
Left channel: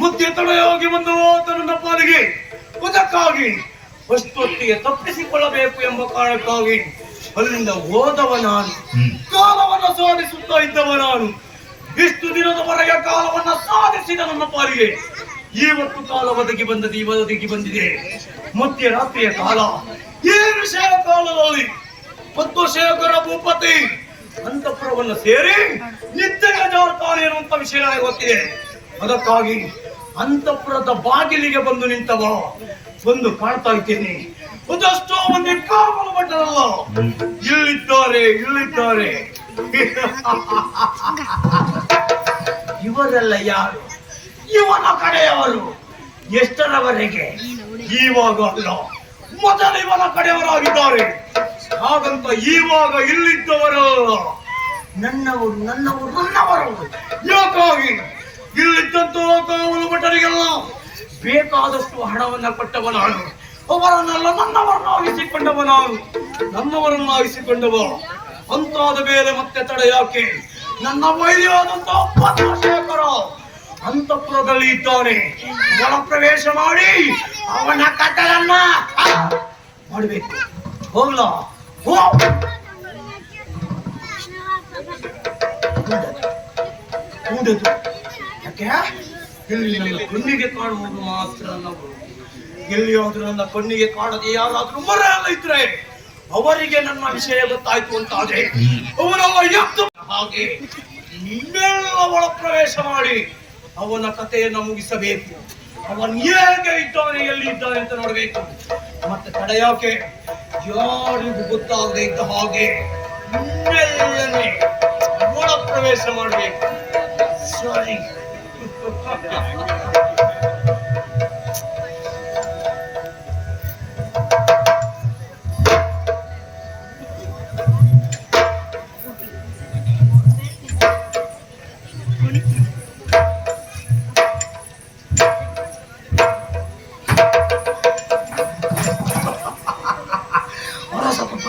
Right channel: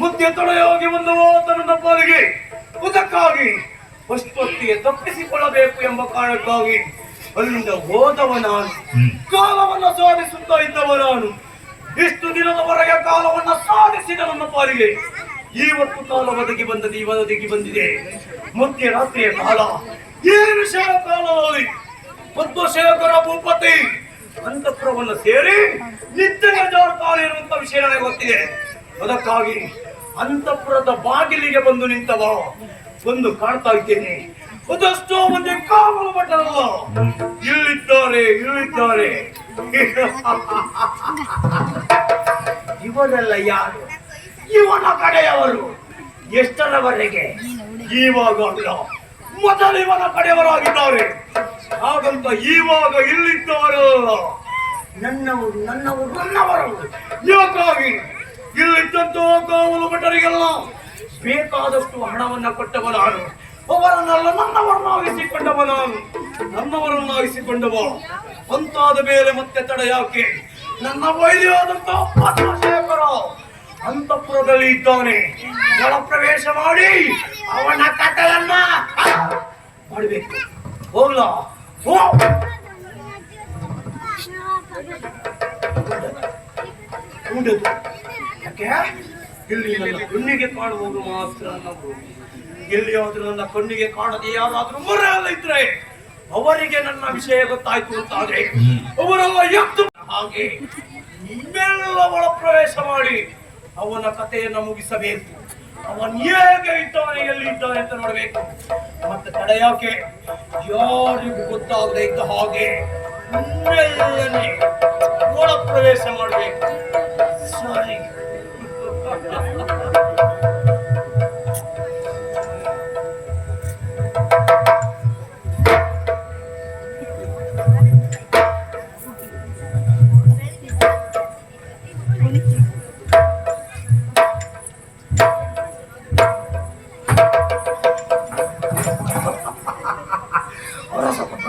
ಮುದ್ದೆ ತೊಳೆಯೋಗಿ ಒಂದು ನನ್ನ ಪಾಲಿಗೆ ಅದಕ್ಕಾಗಿ ಅಷ್ಟೊತ್ತಿಗೆ ತಪ್ಪಿಸಿಕೊಳ್ಳಬೇಕು ಎಂಬ ಕಾರಣಕ್ಕಾಗಿ ಅಲ್ಲಿಂದ ಹೋದವ ನಾನು. ಕಾಲವನ್ನು ಸಾಧಿಸುತ್ತಾ ಇದ್ದವ ನಾನು. ಇಷ್ಟು ದಿನದವರೆಗೆ ಕಾಲವನ್ನು ಸಾಧಿಸಿದ ನನ್ನ ಪಾಲಿಗೆ ಇವತ್ತು ಕಾಲ ಒದಗಿ ಬಂದಿದೆ. ಮಧ್ಯ ರಾತ್ರಿಯ ಕಾಲ ಏನು ವಿಷಯ ಕಾಲದಲ್ಲಿ ಪದ್ಮಶೇಖರ ಭೂಪತಿ ಅಂತಃಪುರವನ್ನು ಸೇರಿ ನಿತ್ಯ ಜಾರುತ್ತಾನೆ ಎನ್ನುವಂತ ವಿಷಯ ನನಗೆ ಗೊತ್ತಿದೆ. ಅದಕ್ಕಾಗಿ ಅಂತಃಪುರದ ಬಾಗಿಲಿಗೆ ಬಂದು ನಿಂತವ ಬಂದು ಕಾಣ್ತಾ ಇದ್ದೇನೆ. ಅದಷ್ಟೋ ಮಂದಿ ಕಾಮಲು ಭಟ್ಟರಲ್ಲ ಇಲ್ಲಿದ್ದಾರೆ. ಇವರೆಲ್ಲ ಯಾರು? ಇವನ ಕಡೆಯವರು. ಎಷ್ಟರವರೆಗೆ? ಇವಾಗ ಅಲ್ಲ, ಮೊದಲು ಇವನ ಕಡೆಯವರಾಗಿದ್ದಾರೆ. ಹಾಗಂತ ಇವಾಗ ಇಲ್ಲಿದ್ದವರಲ್ಲ, ನನ್ನವರು. ಯಾಕಾಗಿ ಇಲ್ಲಿದ್ದಂತ ಕಾವಲು ಭಟರಿಗೆಲ್ಲ ಬೇಕಾದಷ್ಟು ಹಣವನ್ನ ಕೊಟ್ಟವ ನಾನು. ಅವರನ್ನೆಲ್ಲ ನನ್ನವರನ್ನಾಗಿಸಿಕೊಂಡವ. ಅಂತಾದ ಮೇಲೆ ಮತ್ತೆ ತಡ ಯಾಕೆ? ನನ್ನ ವೈದ್ಯವಾದಂತ ಪದ್ಮಶೇಖರ ಅಂತಃಪುರದಲ್ಲಿ ಇದ್ದಾನೆ. ಜಲ ಪ್ರವೇಶ ಮಾಡಿ ಅವನ ಕಥೆಯನ್ನ ಮಾಡಬೇಕು. ಹೋಗ್ಲಾ? ಯಾಕೆ? ಇಲ್ಲಿ ನನ್ನ ಕಣ್ಣಿಗೆ ಕಾಣುವುದು ಮಾತ್ರ ನನ್ನವರು. ಎಲ್ಲಿಯಾದ್ರೂ ನನ್ನ ಕಣ್ಣಿಗೆ ಕಾಣದೆ ಯಾರಾದ್ರೂ ಮರೆಯಲ್ಲ ಇದ್ರೆ ಅವರಿಗೆ ನನ್ನ ವಿಷಯ ಗೊತ್ತಾಯ್ತು ಅಂತಾದ್ರೆ ಅವರೆಲ್ಲ ಎದ್ದು ಹಾಗೆ ನಿಮ್ಮೆಲ್ಲ ಒಳ ಪ್ರವೇಶ ಮಾಡಿ ಅವನ ಕಥೆಯನ್ನು ಮುಗಿಸಬೇಕು. ಅವನು ಹೇಗೆ ಇದ್ದಾನೆ, ಎಲ್ಲಿ ಇದ್ದಾನೆ ಅಂತ ನೋಡಬೇಕು. ಮತ್ತೆ ತಡೆಯಾಕೆ ಯಾರಿಗೂ ಗೊತ್ತಾಗದೆ ಇದ್ದ ಹಾಗೆ ಮೆಲ್ಲನೆ ಒಳ ಪ್ರವೇಶ ಮಾಡಬೇಕು. ಸರಿ.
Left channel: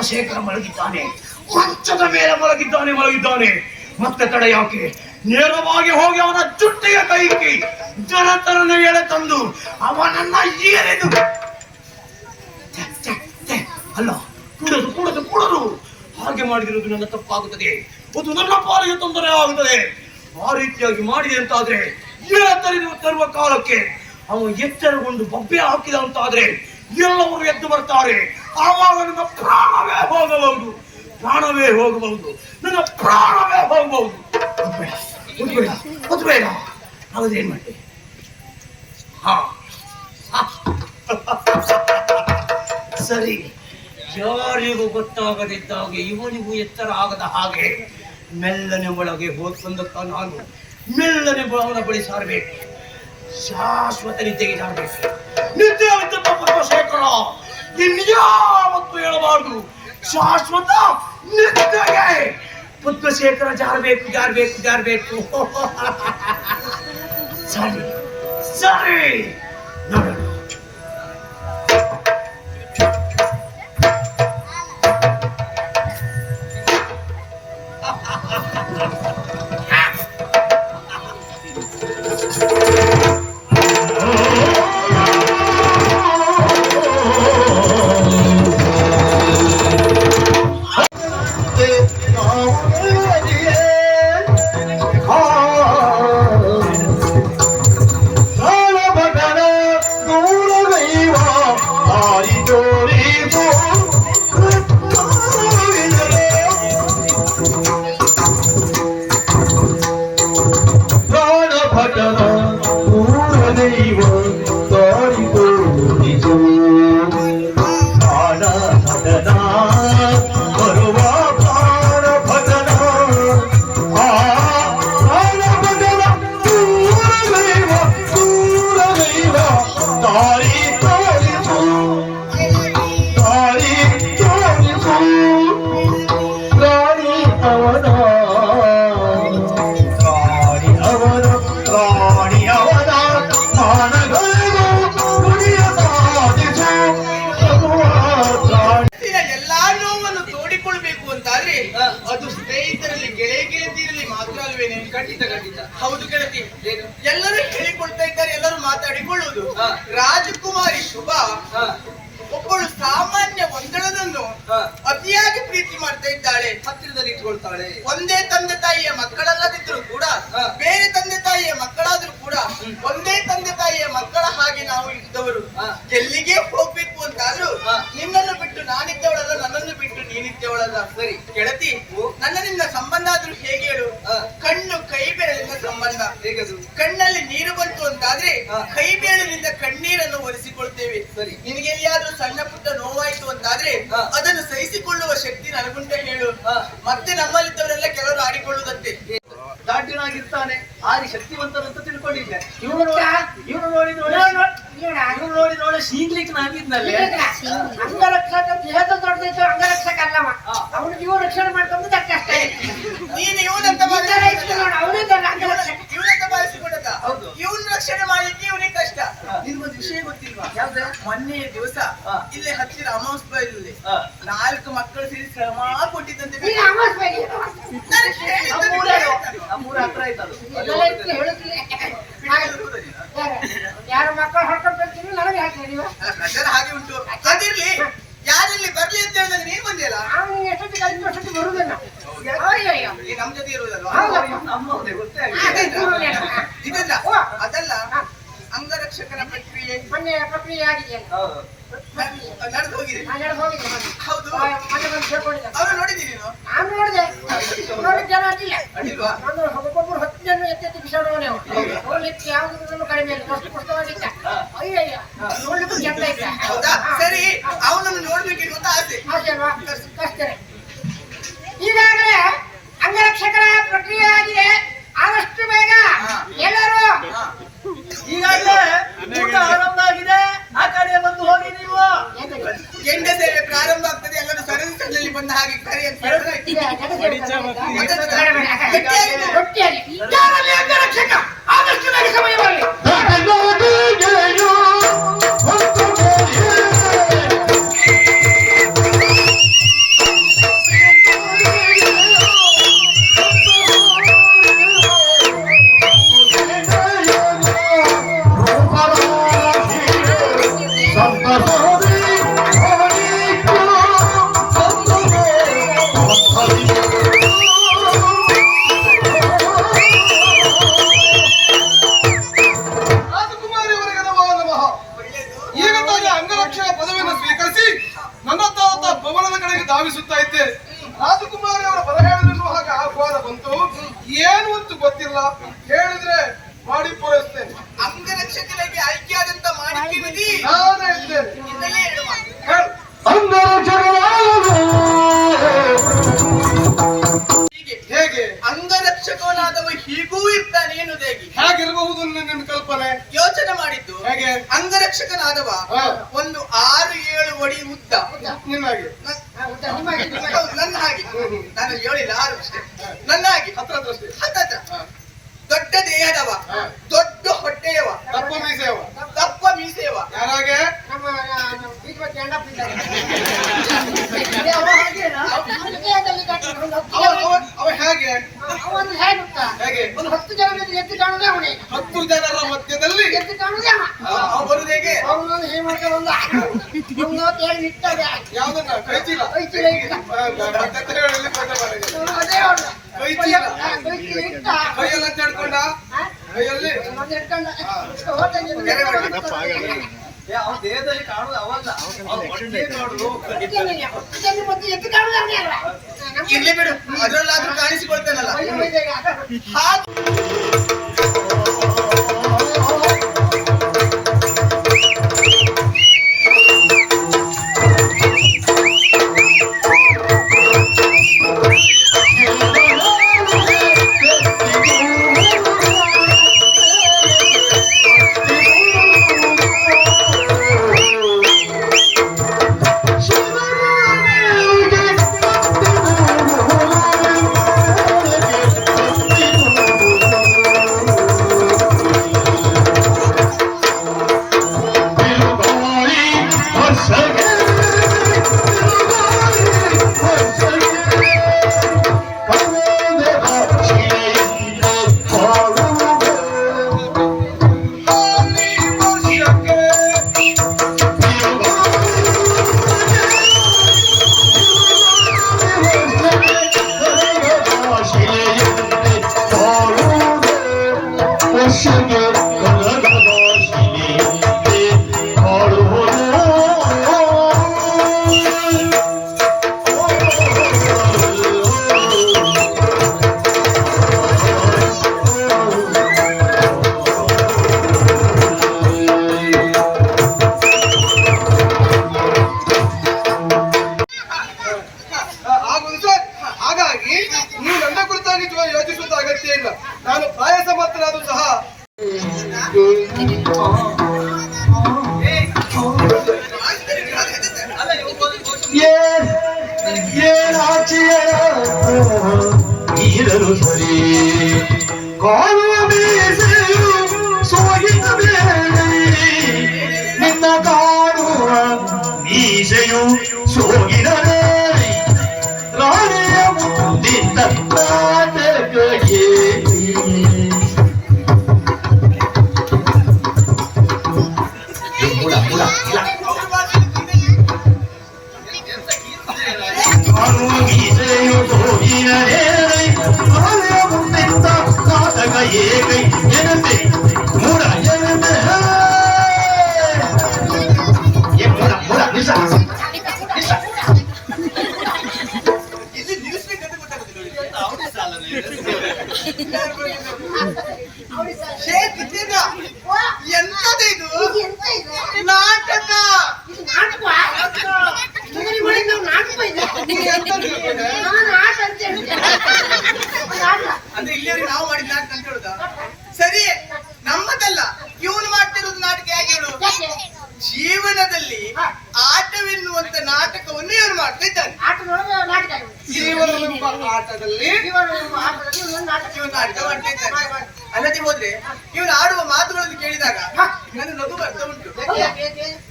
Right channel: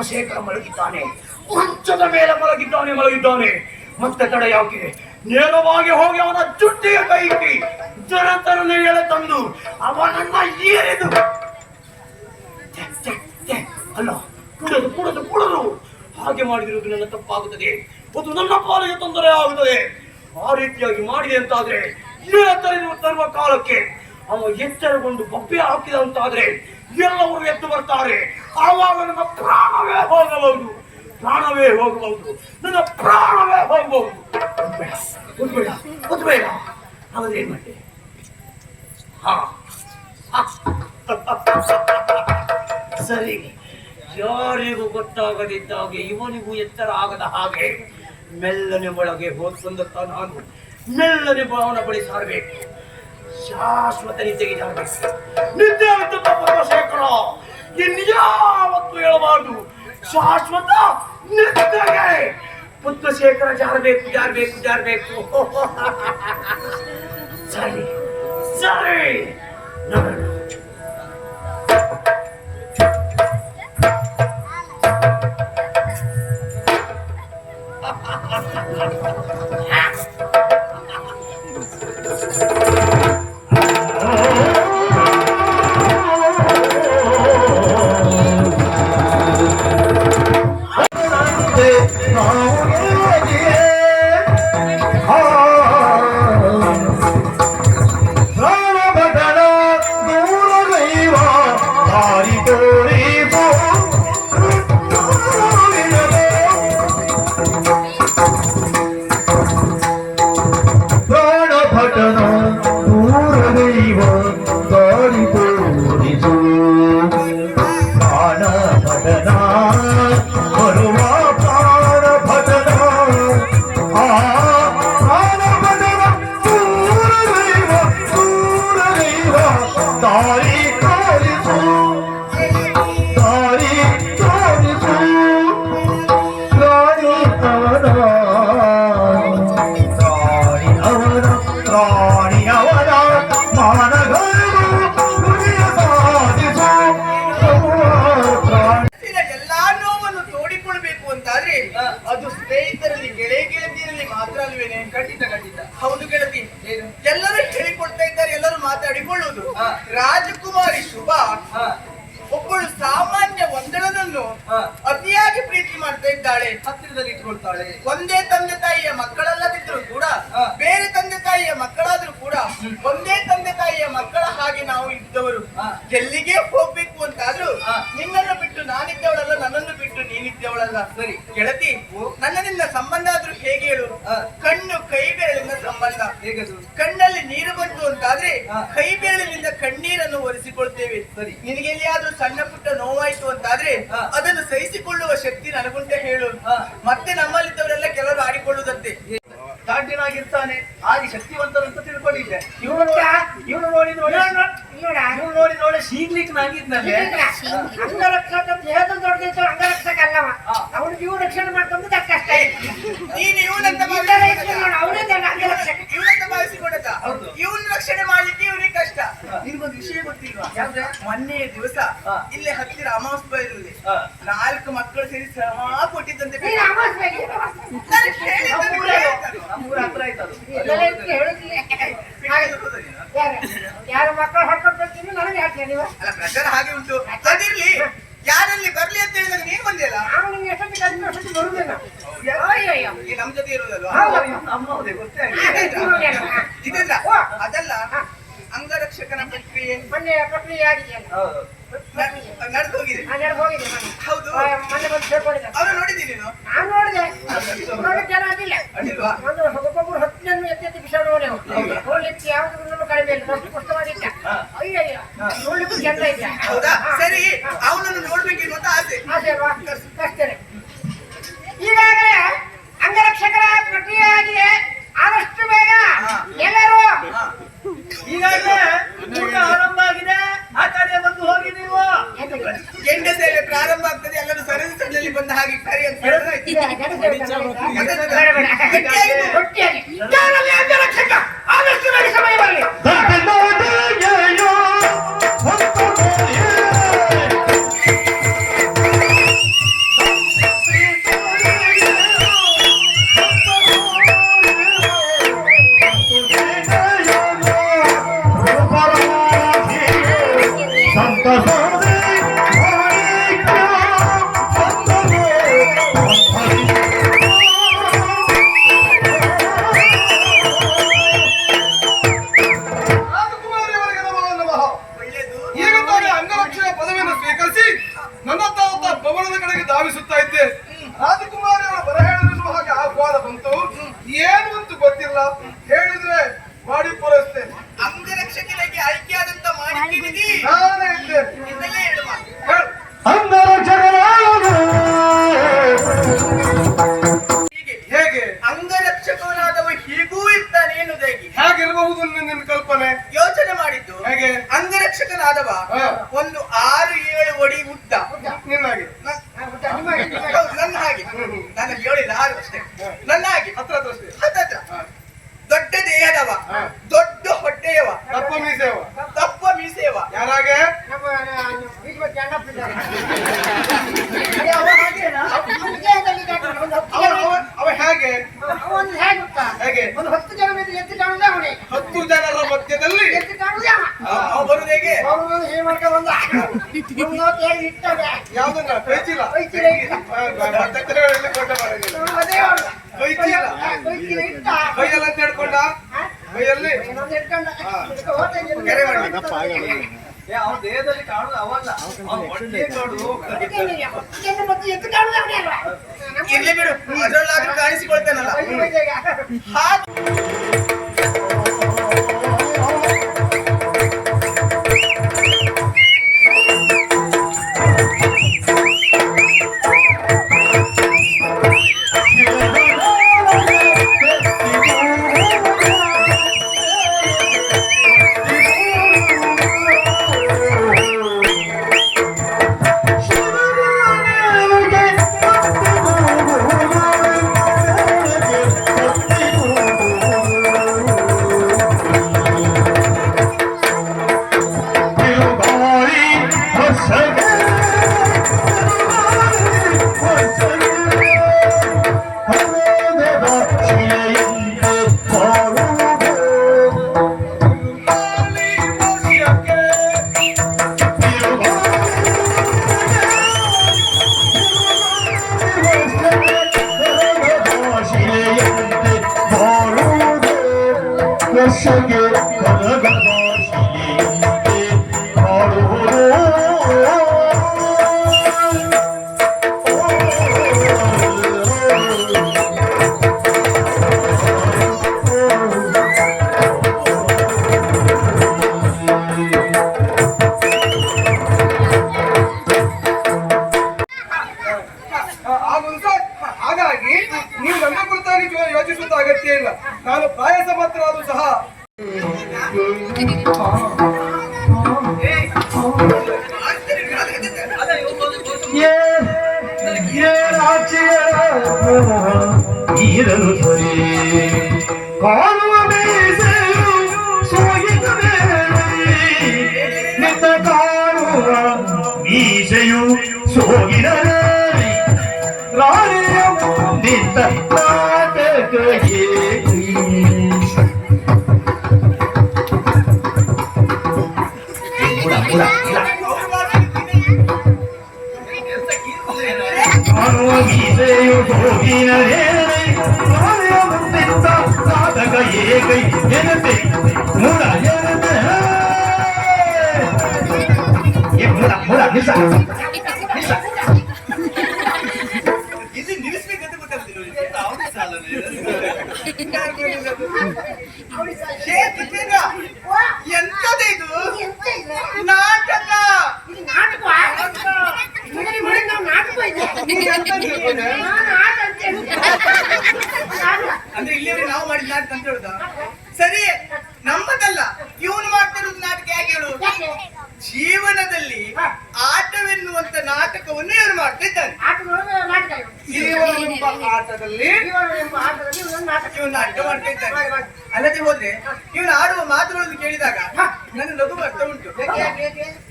ಶೇಖರ ಮಲಗಿದ್ದಾನೆ, ಮಂಚದ ಮೇಲೆ ಮಲಗಿದ್ದಾನೆ. ಮತ್ತೆ ತಡೆ ಯಾಕೆ? ನೇರವಾಗಿ ಹೋಗಿ ಅವನ ಜುಟ್ಟಿಗೆ ಕೈಕಿ ಜನತರನ ಎಳೆ ತಂದು ಅವನನ್ನ ಏರಿದು ಅಲ್ಲ ಕುಡದು ಹಾಗೆ ಮಾಡಿದಿರುವುದು ನನ್ನ ತಪ್ಪಾಗುತ್ತದೆ. ಅದು ನನ್ನ ಪಾಲಿಗೆ ತೊಂದರೆ ಆಗುತ್ತದೆ. ಆ ರೀತಿಯಾಗಿ ಮಾಡಿದೆ ಅಂತಾದ್ರೆ ತರುವ ಕಾಲಕ್ಕೆ ಅವನು ಎಚ್ಚರಗೊಂಡು ಬೊಬ್ಬೆ ಹಾಕಿದಂತಾದ್ರೆ ಎಲ್ಲವರು ಎದ್ದು ಬರ್ತಾರೆ. ಆವಾಗ ನನ್ನ ಪ್ರಾಣವೇ ಹೋಗಬಹುದು. ನನ್ನ ಪ್ರಾಣವೇ ಹೋಗಬಹುದು. ಬೇಡ ಹಾಗಾದ್ರೇನ್ ಮಾಡ್ತೆ? ಸರಿ, ಯಾರಿಗೂ ಗೊತ್ತಾಗದಿದ್ದಾಗ ಇವನಿಗೂ ಎಚ್ಚರ ಆಗದ ಹಾಗೆ ಮೆಲ್ಲನೆ ಒಳಗೆ ಹೋದ್ಕೊಂಡ ನಾನು ಮೆಲ್ಲನೆ ಅವನ ಬಳಿ ಸಾರಬೇಕು. ಶಾಶ್ವತ ನಿದ್ದೆಗೆ ಜಾರಬೇಕು. ನಿದ್ದೆ ಆಯ್ತು ಪದ್ಮಶೇಖರ, ಇನ್ಯಾವತ್ತು ಹೇಳಬಾರ್ದು. ಶಾಶ್ವತ ನಿದ್ದೆಗೆ ಪದ್ಮಶೇಖರ ಜಾರಬೇಕು. ಸರಿ ನೋಡೋಣ. ಭಗನ ಅಂತಾದ್ರೆ ಅದು ಸ್ನೇಹಿತರಲ್ಲಿ ಗೆಳತಿಯರಲ್ಲಿ ಮಾತ್ರ ಅಲ್ವೇನೆ? ಖಂಡಿತ ಖಂಡಿತ. ಹೌದು ಗೆಳತಿ, ಏನು? ಎಲ್ಲರೂ ಹೇಳಿಕೊಳ್ತಾ ಇದ್ದಾರೆ, ಎಲ್ಲರೂ ಮಾತಾಡಿಕೊಳ್ಳುವುದು. ರಾಜಕುಮಾರಿ ಶುಭ ಒಬ್ಬಳು ಸಾಮಾನ್ಯ ಒಂದಳನನ್ನು ಅತಿಯಾಗಿ ಪ್ರೀತಿ ಮಾಡ್ತಾ ಇದ್ದಾಳೆ, ಹತ್ತಿರದಲ್ಲಿ ಇಟ್ಕೊಳ್ತಾಳೆ. ಒಂದೇ ತಂದೆ ತಾಯಿಯ ಮಕ್ಕಳಲ್ಲದಿದ್ರು ಕೂಡ, ಬೇರೆ ತಂದೆ ತಾಯಿಯ ಮಕ್ಕಳಾದ್ರೂ ಕೂಡ ಒಂದೇ ತಂದೆ ತಾಯಿಯ ಮಕ್ಕಳ ಹಾಗೆ ನಾವು ಇದ್ದವರು. ಎಲ್ಲಿಗೆ ಹೋಗ್ಬೇಕು ಅಂತಾದ್ರೂ ನಿನ್ನನ್ನು ಬಿಟ್ಟು ನಾನಿದ್ದವಳಲ್ಲ, ನನ್ನನ್ನು ಬಿಟ್ಟು ನೀನಿದ್ದವಳಲ್ಲ. ಸರಿ ಗೆಳತಿ, ನನ್ನ ನಿನ್ನ ಸಂಬಂಧ ಆದ್ರೂ ಹೇಗೆ ಹೇಳು? ಕಣ್ಣು ಕೈ ಬೆರಳಿನ ಸಂಬಂಧ. ಹೇಗದು? ಕಣ್ಣಲ್ಲಿ ನೀರು ಬಂತು ಅಂತಾದ್ರೆ ಕೈ ಬೆರಳಿನಿಂದ ಕಣ್ಣೀರನ್ನು ಒರೆಸಿಕೊಳ್ತೇವೆ. ಸರಿ. ನಿನಗೆ ಎಲ್ಲಿಯಾದ್ರೂ ಸಣ್ಣ ಪುಟ್ಟ ನೋವಾಯ್ತು ಅಂತಾದ್ರೆ ಅದನ್ನು ಸಹಿಸಿಕೊಳ್ಳುವ ಶಕ್ತಿ ನನಗುಂಟ ಹೇಳು. ಮತ್ತೆ ನಮ್ಮಲ್ಲಿದ್ದವರೆಲ್ಲ ಕೆಲವರು ಆಡಿಕೊಳ್ಳುವುದಂತೆ. ದಾಟಿನಾಗಿರ್ತಾನೆ, ಆರಿ ಶಕ್ತಿವಂತರಂತ ತಿಳ್ಕೊಂಡಿದ್ದೆ. ಇವ್ರು ಇವ್ರು ನೋಡಿ ನೋಡಿ ಶೀಘ್ಲಿಕ್ನಾಗಿದ್ನಲ್ಲೇ. ಅಂಗರಕ್ಷಕ ದೇಹದ ದೊಡ್ಡದೈತೆ, ಅಂಗರಕ್ಷಕ ಅಲ್ಲವ. ಅವನು ಜೀವ ರಕ್ಷಣೆ ಮಾಡ್ಕೊಂಡು ಕಷ್ಟ ಇದೆ. ನೀನು ಇವನಂತ ಅವನೇ ಅಂಗರಕ್ಷಕ. ಇವನಂತ ಭಾವಿಸಿಕೊಂಡದ? ಇವನ್ ರಕ್ಷಣೆ ಮಾಡ್ಲಿಕ್ಕೆ ಇವನಿಗೆ ಕಷ್ಟ. ನಿನ್ಗೊಂದು ವಿಷಯ ಗೊತ್ತಿಲ್ವಾ? ಮೊನ್ನೆ ದಿವಸ ಇಲ್ಲೇ ಹತ್ತಿರ ಅಮಾವಾಸ್ಯಲ್ಲಿ 4 ಮಕ್ಕಳು ಸೇರಿ ಶ್ರಮ ಕೊಟ್ಟಿದ್ದಂತೆ. ನನಗೆ ಹೇಳಿದ್ದು ನಮ್ಮೂರ ಹತ್ರ ಆಯ್ತದು. ಯಾರ ಮಕ್ಕಳು ಹೊರಟೋಗ್ತೀನಿ ನನಗೆ ಹೇಳ್ತೀನಿ ನೀವು. ಅಲ್ಲ, ಪ್ರಚಾರ ಹಾಗೆ ಉಂಟು. ಅದಿರ್ಲಿ, ಯಾರಲ್ಲಿ ಬರ್ಲಿ ಅಂತ ಹೇಳಿದಾಗ ನೀನ್ ಬಂದಿಯಲ್ಲ. ಅವನು ಎಷ್ಟೊತ್ತಿಗೆ ಅಷ್ಟೊತ್ತಿಗೆ ಬರುವುದೇನ? ಈ ನಮ್ ಜೊತೆ ಇರುವುದಲ್ವಾ? ನಮ್ಮವ್ರೆ ಗೊತ್ತೇ ಆಗಿಲ್ಲ. ಇದಲ್ಲ, ಅದಲ್ಲ, ಅಂಗರಕ್ಷಕನ ಪ್ರಕ್ರಿಯೆ ಮೊನ್ನೆ ಪ್ರಕ್ರಿಯೆ ಆಗಿದೆಯಲ್ಲ, ನಡೆದು ಹೋಗಿದೆ. ಹೋಗಿದೆ. ಹೌದು, ಮೊನ್ನೆ ಬಂದು ಸೇರ್ಕೊಂಡಿದ್ದೆ. ಅವರು ನೋಡಿದ್ದೀನಿ ನೀನು? ನಾನು ನೋಡಿದೆ, ನೋಡಿ ಜನ ಅಡ್ಡಿಲ್ಲ. ಅಡ್ಡಿಲ್ವಾ? ನಾನು ಒಬ್ಬೊಬ್ಬರು 10 ಜನ ಎತ್ತೆತ್ತಿ ಬಿಸಾಡುವನೆ. ನೋಡ್ಲಿಕ್ಕೆ ಯಾವ್ದು ಕಡಿಮೆ ಇಲ್ಲ, ಅಷ್ಟು ಕಷ್ಟವಾಗಿದ್ದ. ಅಯ್ಯಯ್ಯ, ನೋಡ್ಲಿಕ್ಕೆ ಚಂದ ಇಲ್ಲ. ಹೌದಾ? ಸರಿ, ಅವನನ್ನು ನೋಡ್ಬೇಕೆನ್ನುವಂತ ಆಸೆ. ಆಸೆ ಅಲ್ವಾ? ಕಷ್ಟನೇ. ಈಗಾಗಲೇ ಅಂಗರಕ್ಷಕರ ಪ್ರಕ್ರಿಯೆ ಆಗಿದೆ. ಆದಷ್ಟು ಬೇಗ ಎಲ್ಲರೂ ಈಗಾಗಲೇ ಊಟ ಆರಂಭ ಆಗಿದೆ, ಆ ಕಡೆ ಬಂದು ಹೋಗಿ ನೀವು. ಗೆಂಡ ಸೇವೆ ಪ್ರಾರಂಭ ಆಗ್ತದೆ, ಎಲ್ಲರೂ ಸರದಿ ಸಣ್ಣಲ್ಲಿ ಬಂದ ಹಾಗೆ ಕರೆ ಅಂತ ಹೇಳಿದ್ರೆ ಗಟ್ಟಿಯಾಗಿ ಯಾರಲ್ಲಿ ಅಂಗರಕ್ಷಕ ಆದಷ್ಟು ಬೇಗ ಸಮಯ ಬರಲಿ. ಧಾವಿಸುತ್ತಾ ಇದ್ದೆ. ರಾಜಕುಮಾರಿ ಅವರ ಬರ ಹೇಳಿದ್ರು ಹಾಗೆ ಆಹ್ವಾನ ಬಂತು. ಏನು ಅಂತ ಗೊತ್ತಿಲ್ಲ, ಹೇಳಿದ್ರೆ ಮಾಡಿ ಪೂರೈಸ್ತೇನೆ. ಅಂಗರಕ್ಷಕನಿಗೆ ಆಯ್ಕೆಯಾದಂತ ಮಾಡಿದ್ದೀನಿ. ನಾನೇ ಇದ್ದೇನೆ. ನಿನ್ನಲ್ಲೇ ಹೇಳುವ. ಹೇಗೆ ಅಂಗರಕ್ಷಕನಾದವ ಹೀಗೂ ಇರ್ತಾನೆ ಎನ್ನುವುದು ಹೇಗೆ? ಹೇಗಿರಬಹುದು ನಿನ್ನ ಕಲ್ಪನೆ? ಯೋಚನೆ ಮಾಡಿದ್ದು ಹೇಗೆ? ಅಂಗರಕ್ಷಕನಾದವ ಒಂದು 6-7 ಅಡಿ ಉದ್ದ, ನಿನ್ನಾಗೆ ನನ್ನ ಹಾಗೆ. ನಾನು 7 6 ಅಷ್ಟೇ, ನನ್ನ ಹಾಗೆ ಹತ್ರ ಅಷ್ಟೇ. ಹತ್ತತ್ರ ದೊಡ್ಡ ದೇಹದವ, ದೊಡ್ಡ ಹೊಟ್ಟೆಯವ, ದಪ್ಪ ಮೀಸೆಯವ, ದಪ್ಪ ಮೀಸೆಯವ. ಯಾರಾಗೆ? ನಮ್ಮ ಅವ ಹೇಗೆ? ಅವನು ಹೇಗೆ ಗೊತ್ತಾ? ಹೇಗೆ? ಒಂದು 10 ಜನ ಎದ್ದು ಕಾಣುದೇ ಅವನೇ. 10 ಜನರ ಮಧ್ಯದಲ್ಲಿ ಎದ್ದು ಕಾಣುದೇ ಅವ. ಅವ ಬರುದು ಹೇಗೆ? ಅವನು ಹೇಗೆ ಮಾಡ್ಕೊಂಡು ಬಂದ ಇರ್ತದೆ. ಯಾವ್ದನ್ನ? ಕೈಚೀಲ. ಕೈಚೀಲ ಇಟ್ಟ. ಅದೇ ಅವನು. ಕೈಚೀಲ ಕೈಚೀಲ ಇಟ್ಟ. ಕೈಯೆಲ್ಲ ತಡ್ಕೊಂಡ ಕೈಯಲ್ಲಿ ಇನ್ನೊಂದು ಇಟ್ಕೊಂಡ. ಹೋದಂಗೆ ಅವನ ದೇಹದಲ್ಲಿ ಕಾಣುದು ಅವಲ್ಲ, ಅವನ ಹೊಟ್ಟೆ ಕಾಣುದು. ಇದನ್ನು ಮತ್ತೆ ಎದ್ದು ಕಾಣುದೇ ಅವನೇ ಅಲ್ವಾ? ಇರ್ಲಿ ಬಿಡು, ಅದ್ರಲ್ಲಾದ್ರೂ ಕಾಣಿಸಿಕೊಳ್ತೇನಲ್ಲ ಹಾಗೆ. ಆಗುವುದು ಸರ್. ಹಾಗಾಗಿ ನೀವು ನನ್ನ ಕುರಿತಾಗಿ ಯೋಚಿಸುವಂತ ಅಗತ್ಯ ಇಲ್ಲ. ನಾನು ಪ್ರಾಯ ಸಮರ್ಥನಾದರೂ ಸಹ ಈರಲು ಸರಿ ಕಾಣುವ ಬೇಸೆಯು ಸೋಗಿದ ನಿನ್ನ ಕಾಣುವ ಮೀಸೆಯು ಸೋಗಿದ ರಾಣಿಯ ಮುಂದಿದ್ದ ನಾಟಕಕ್ಕೆ ಕಾಣುವ ಮೀಸೆಯು ಸೋಗಿನ ರಾಣಿಯ ಮುಂದಿದ್ದ ನಾಟಕ ಏಕೈ ಎನತೆ ಮೂಡ ಎನತೆ ಮೂಡ ನಿಶ ಇದು ನಿಲ್ಲಿಸ್ಬೇಕಂತ ಗೊತ್ತಾಗುದಿಲ್ಲ. ಎಂತದ ಇದು ನಾಟಕ? ಅಂದ್ರೆ ಇಲ್ಲಿಯವ್ರೆ ನಾವು ಮಾಡಿದ ನಾಟಕ ಅಂತ ಹೇಳುದ? ಸರಿ, ನಮ್ಮದಲ್ಲ. ಇವನು ಮಾಡ್ತಿರೋದು ನಾಟಕ ಹೇಗೆ ಹೇಳು? ಜೀವನದಲ್ಲಿ ಆಟವೆನ್ನುವಂತ ನಾಟಕವನ್ನು ಇವರು ಮಾಡ್ತಾ ಇದ್ದಾರೆ. ಜೀವನವೆಂಬ ಆಟದಲ್ಲಿ ಇವನು ನಾಟಕ ಮಾಡ್ತಾ ಇದ್ದಾರೆ. ಅಲ್ಲದೆ ಹೋದ್ರೆ ಇವನು ಆಡುವ ಮಾತುಗಳನ್ನು ಕೇಳಿದಾಗ ನನ್ನ ನಗು ಬರ್ತಾ ಉಂಟು.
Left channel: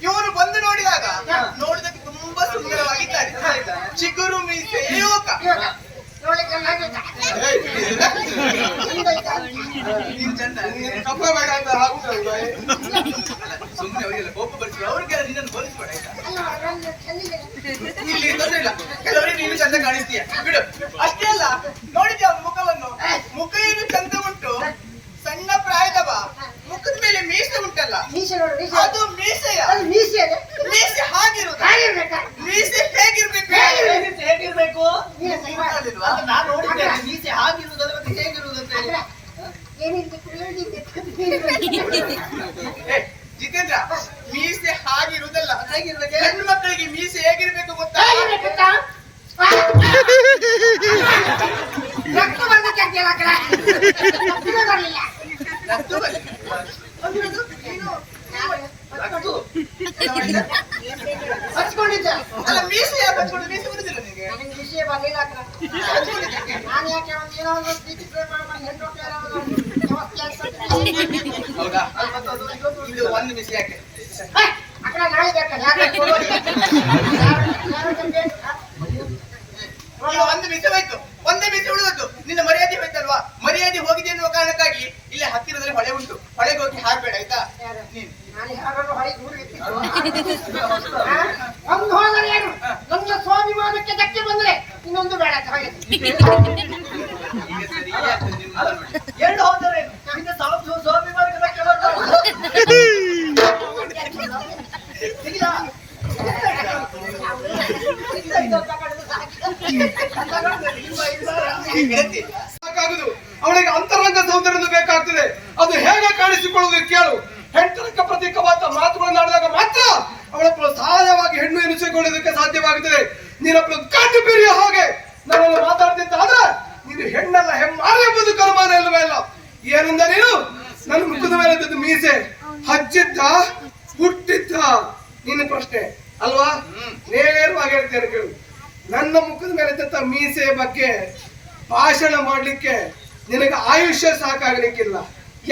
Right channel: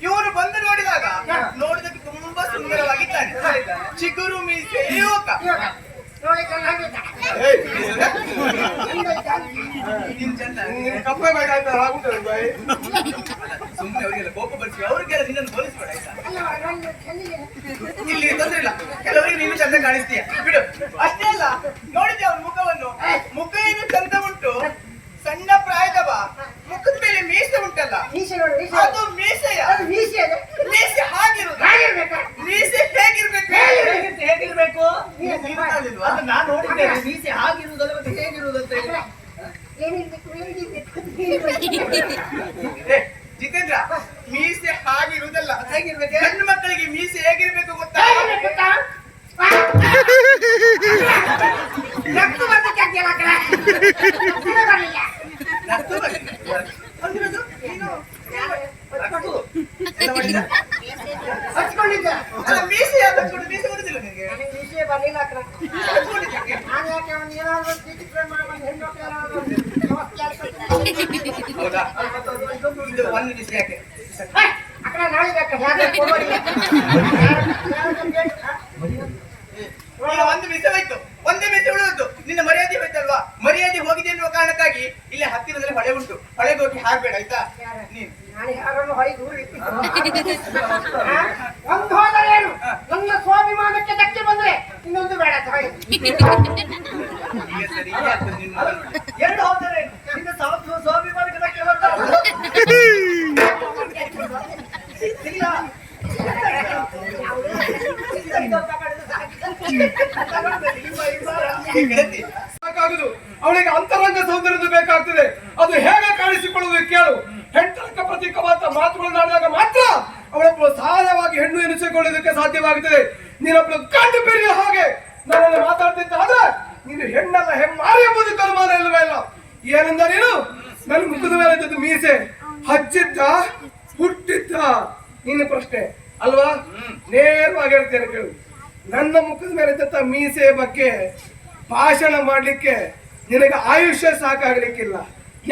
ಇವನು ಬಂದು ನೋಡಿದಾಗ ನೋಡಿದಕ್ಕೆ ತುಂಬಾ ಸುಂದರವಾಗಿದ್ದಾನೆ. ಚಿಗುರು ಮೀಸೆ ಯುವಕ. ನೀನ್ ಚಂದ. ಕಪ್ಪ ಬೇಕಾಗ್ತದೆ ಆಗುತ್ತಲ್ಲ. ಸುಮ್ಮನೆ ಅವರಿಗೆಲ್ಲ ಕೋಪ ಬರ್ತೀವಿ, ಅವ್ರಿಗೆಲ್ಲ ನಿನ್ನನ್ನು ಹೋಲಿಸ್ಬೇಡ ಆಯ್ತಾ? ಇಲ್ಲಿ ತೊಂದ್ರೆ ಇಲ್ಲ, ಕೆಲವರಿಗೆ ನೀನು ಚಂದ ಕಾಣಿಸ್ತೀಯ, ಬಿಡು. ಅಷ್ಟೇ ಅಲ್ಲ, ನೋಡಿದ್ದೆ ಅವನ ಮುಖವನ್ನು. ಮುಖ ಏನು ಚಂದ ಉಂಟು, ಸಣ್ಣ ಪ್ರಾಯದವ. ಮುಖದ ಮೇಲೆ ಮೀಸೆ ಉಂಟಲ್ಲ, ಅದು ಮೀಸೆಯ? ಮೀಸೆ ಹಾಗಿರುವುದು. ಮೀಸೆ ಹೇಗಿರ್ಬೇಕು? ಅದು ನಾನು ನೋಡಿದ್ದೇನೆ. ಮೀಸೆ ಹಾಗಿರುವುದಲ್ಲ, ಮತ್ತೆ ಹೇಗಿರುವುದಂತ ಹೇಳಿ. ಜಿತೇಂದ್ರ, ಮೀಸೆ ಹಾಗಿರುವುದಲ್ಲ, ಹೇಗಿರ್ಬೇಕು? ಹೆಣ್ಣು ಮಕ್ಕಳಿಗೆ ಮೀಸೆ ಹೇಗಿರ್ಬೇಕು ಗೊತ್ತಾ? ಅಲ್ಲ, ಮೀಸೆ ಯಾಕೆ ಹಚ್ಕೊಂಡು? ಮೀಸೆ ಬರುದಿಲ್ಲ ನಿನಗೆ? ಹೌದಾ? ಇದು ಒಂದು ಮೀಸೆ ಯಾಕೆ? ಈಗ ಒಂದು ಮೀಸೆ ಹೋಯ್ತು, ಒಂದೇ ಮೀಸೆ ಉಳಿದದ್ದು. ನಿನ್ನ ಮರ್ಯಾದೆ ಹೋಯ್ತಲ್ವಾ? ಮರ್ಯಾದೆ ಹೋಗಿದೆ ಎನ್ನುವ ಕಾರಣಕ್ಕಾಗಿ ಇಲ್ಲೇ ಹತ್ತಿರದಲ್ಲಿ ಹೊಳೆ ಉಂಟು, ಹೊಳೆಗೆ ಹೋಗಿ ಹಾಕ್ಬೇಡ ಆಯ್ತಾ? ನೀನು ಒಂದು ಹೋದರೆ ಏನು? ನನ್ನ ಸ್ವಾಭಿಮಾನಕ್ಕೆ ಧಕ್ಕೆ ಬಂದ್ರೆ ಇನ್ನೊಂದು ಬೇಡ ಅಂತ ಹೇಳಿ. ಈಗ ಸರಿ ಆಗ್ತದೆ ನಿನ್ನ ಮಾತು ನೋಡಿ. ಎರಡು ಹೋದರೆ ನಿನ್ನ ಸ್ವಾಭಿಮಾನಕ್ಕೆ ಧಕ್ಕೆ ಬರ್ತಾವೆ. ಸಾಕಾಗುದು. ಅವಳಿಗೆ ಅಂತರಂಗ ಸೌಂದರ್ಯ ಬೇಕಾಗ್ತದೆ. ಅದು ಹೇಗೆ ಕಾಣಿಸಿಕೊಳ್ಳುವುದು ಕೇಳು. ಹೆಂಡತಿಗೆ ಪ್ರತೀಕವಾದ ಮಾತುಗಳನ್ನು ಆಡಿದಾಗ ಮಾತ್ರ ಅವಳೊಬ್ಬಳು ಸಹಜವಾಗಿ ಹೆಣ್ಣು ಎನಿಸಿಕೊಳ್ಳುವುದಕ್ಕೆ ಸಾಧ್ಯವಾಗುತ್ತದೆ. ನೀನೊಬ್ಬಳು ಕಂಡು ಬೀರಿಯ ಹಾಗೆ ನನ್ನಲ್ಲಿ ಮಾತಾಡ್ತಿದ್ದ ಆದ್ರೆ ನೀನು ಹೆಣ್ಣಲ್ಲ, ಹೆಮ್ಮಾರಿ ಎಂಬುದಕ್ಕೆ ಅನುಮಾನ ಇಲ್ಲವೇ ಇಲ್ಲ. ಏನಿಂದ ನೀನು ನನ್ನ ಮುಖದ ಮೇಲೆ ಮೀಸೆ ಹಚ್ಚಿದ್ದ ಹುಟ್ಟಿದ್ದ ನಿನ್ನ ಪ್ರಶ್ನೆ ಅಲ್ವಾ? ನೇರವಾಗಿ ಹೇಳ್ತೇನೆ ಕೇಳು. ನನ್ನ ಮುಖದ ಮೇಲೆ ಮೀಸೆಯ ಬಗ್ಗೆ ಭಾಷಣ ಮಾಡ್ಲಿಕ್ಕೆ ನಿನಗೆ ಆಯುಷ್ಯ ಸಾಕಾಗಲಿಕ್ಕಿಲ್ಲ.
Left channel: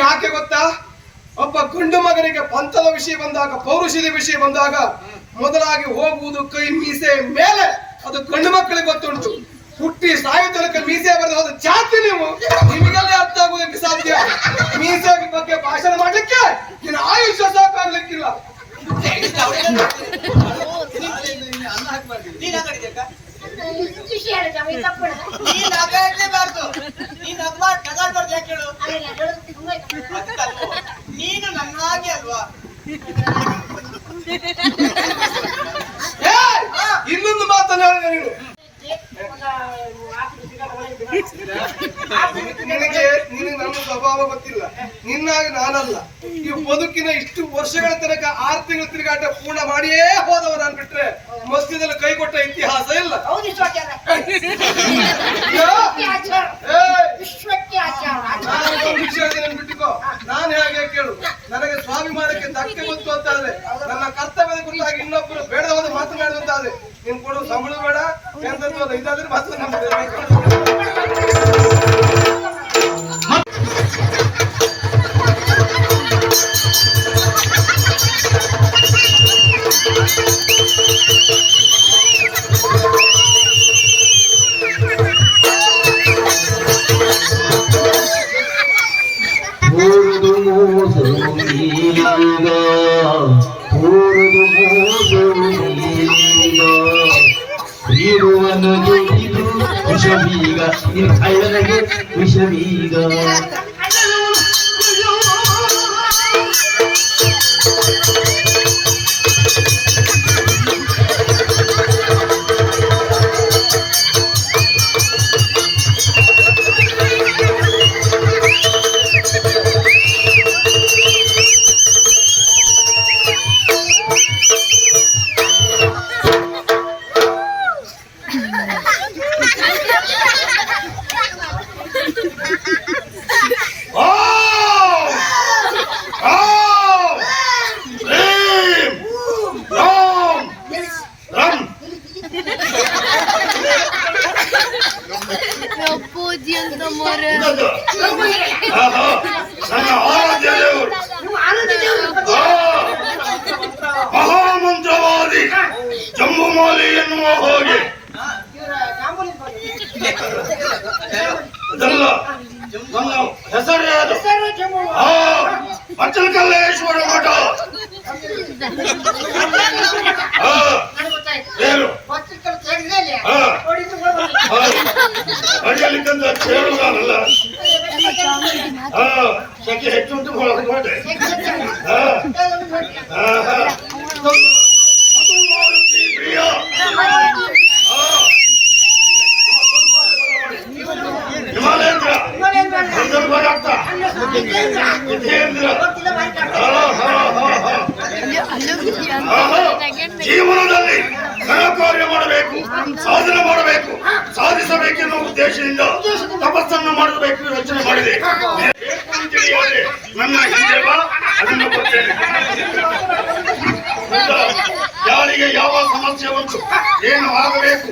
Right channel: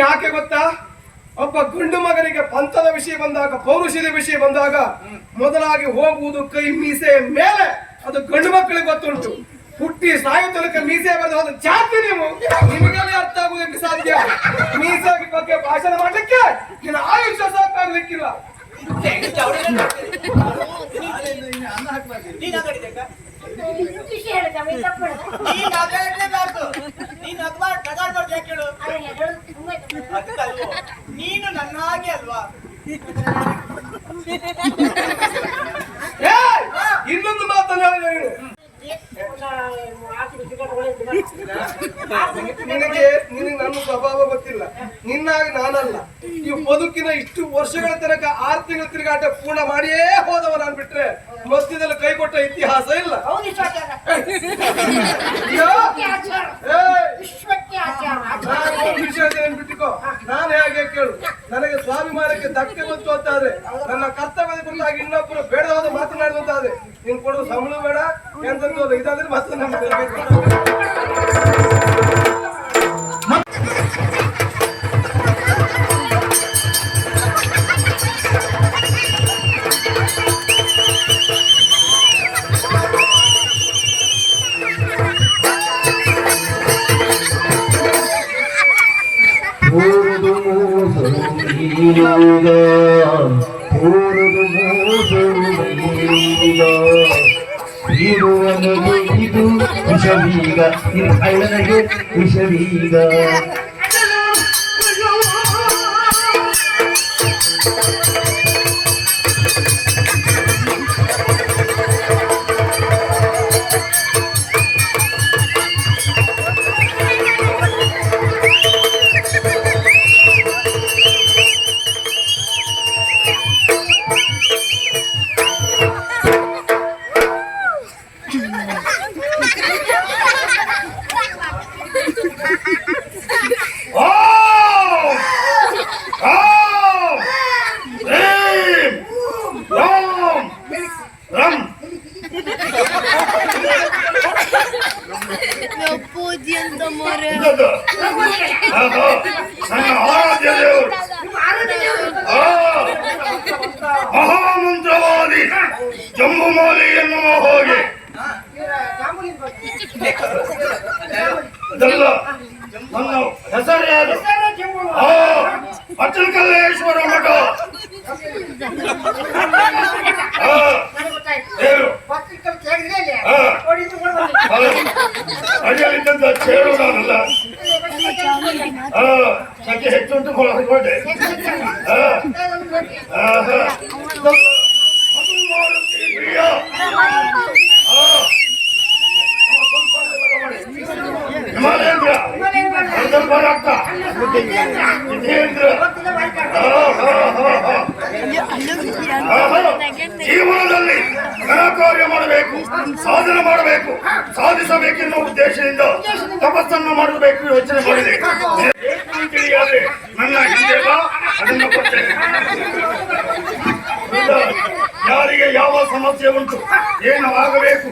ಯಾಕೆ ಗೊತ್ತಾ? ಒಬ್ಬ ಗಂಡು ಮಗನಿಗೆ ಪಂಥದ ವಿಷಯ ಬಂದಾಗ, ಪೌರುಷದ ವಿಷಯ ಬಂದಾಗ ಮೊದಲಾಗಿ ಹೋಗುವುದು ಕೈ ಮೀಸೆಯ ಮೇಲೆ. ಅದು ಗಂಡು ಮಕ್ಕಳಿಗೆ ಗೊತ್ತುಂಟು. ಹುಟ್ಟಿ ಸಾಯು ತನಕ ಮೀಸೆ ಬರೆದು ಹೋದ ಜಾತಿ ನೀವು, ನಿಮಗೆಲ್ಲ ಅರ್ಥ ಆಗುವುದಕ್ಕೆ ಸಾಧ್ಯ. ಮೀಸೆ ಬಗ್ಗೆ ಭಾಷಣ ಮಾಡ್ಲಿಕ್ಕೆ ನಿನ್ನ ಆಯುಷ್ಯ ಸಾಕಾಗ್ಲಿಕ್ಕಿಲ್ಲ. ಅನ್ನ ಹಾಕಬಾರ್ದು. ನೀನ್ ನಗಾಡ್ಲೇಬಾರ್ದು. ನೀನ್ ನಗಾಡ್ಬಾರ್ದು. ಯಾಕೆ ಹೇಳು? ಅದಕ್ಕಲ್ವೋ, ನೀನು ನನ್ನ ಹಾಗೆ ಅಲ್ವಾ? ಇನ್ನೊಂದು ಮಾತನ್ನ ಹೇಳಿದೆ ನೀನು. ನಿನಗೆ ನನ್ನ ಸ್ವಭಾವ ಗೊತ್ತಿಲ್ಲ. ನಿನ್ನಾಗಿ ನಾನಲ್ಲ. ಈ ಬದುಕಿನ ಇಷ್ಟು ವರ್ಷಗಳ ತನಕ 6 ತಿಂಗಳ ತಿರುಗಾಟ ಪೂರ್ಣ ಮಾಡಿಯೇ ಹೋದವ ನಾನು ಬಿಟ್ರೆ ಮಧ್ಯದಲ್ಲಿ ಕೈ ಕೊಟ್ಟ ಇತಿಹಾಸ ಇಲ್ಲ. ಹೌದು ವಿಶ್ವಾಚಾರ. ಯಾ? ಆಚಾರ. ಏಯ್! ವಿಶ್ವಕ್ಕೆ ಆಚಾರ. ನಾನು ವಿಷಯ ಬಿಟ್ಟಿಕೋ. ನಾನು ಹೇಗೆ ಕೇಳು, ನನಗೆ ಸ್ವಾಭಿಮಾನಕ್ಕೆ ಧಕ್ಕೆ ಬಂತು ಅಂತಾದ್ರೆ, ನನ್ನ ಕರ್ತವ್ಯದ ಕುರಿತಾಗಿ ಇನ್ನೊಬ್ಬರು ಬೇಡವಾದ ಮಾತನಾಡುವಂತಾದ್ರೆ, ನೀನು ಕೊಡುವ ಸಂಬಳ ಬೇಡ ಎಂತದ್ದು ಇದಾದ್ರೆ ಮಾತ್ರ ಪೂರ್ದು ಮೋಸವು ನೀಗ ಪೂರ್ದು ಮೋಸವು ನೀಗ ಇರುವನಿಗೆ ಇದು ವಿಷವೀಗ ಇದು ಕಳ್ಳನಿಗೆ ವಿಷವೀಗ ಪೂಜೆ ಅಂತ ಮೊರೆ ಮಹಾಮಂತ್ರವಾದಿ ಜಂಬುಮಾಲಿ ಎನ್ನುವ ಹೋಗಿ ಅದಲ್ಲ ನನ್ನ ಹೆಸರಾದ ಅಚಲಕಲ್ಲೇಶ್ವರ ಮಠ. ಏನು ಅಡಿಯಲ್ಲಿದ್ದಂತ ಚೇಳು ನಾನಲ್ಲ. ಸಂಖ್ಯೆ ಹೆಚ್ಚುಂಟು ಹೊರಟೆ. ಅದು ಮಾರುತಿ ಪ್ರಿಯ. ಹಿಮಾಲಯೇಂದ್ರ ಸಂದರ್ಭ ಜೀವನದಲ್ಲಿ ಘನ ಕಾರ್ಯ ಮಾಡಬೇಕು, ಸಾಧನೆ ಮಾಡಬೇಕು, ಸಾಧಿಸಬೇಕೆನ್ನುವ ಉದ್ದೇಶದಿಂದ ತಪಸ್ಸನ್ನು ಮಾಡಬೇಕು ಯೋಚನೆ ಮಾಡಿದೆ. ತಿಳಿಯಾದೆ ನನ್ನ ಹಿಂದೆ ಬಾ, ಅದನ್ನು ಕೊಡ್ತೇನೆ. ಯಾರಿಗೆ ಯಾವ ಸಮಸ್ಯೆ ಉಂಟು, ಏನು ಆಗಬೇಕು,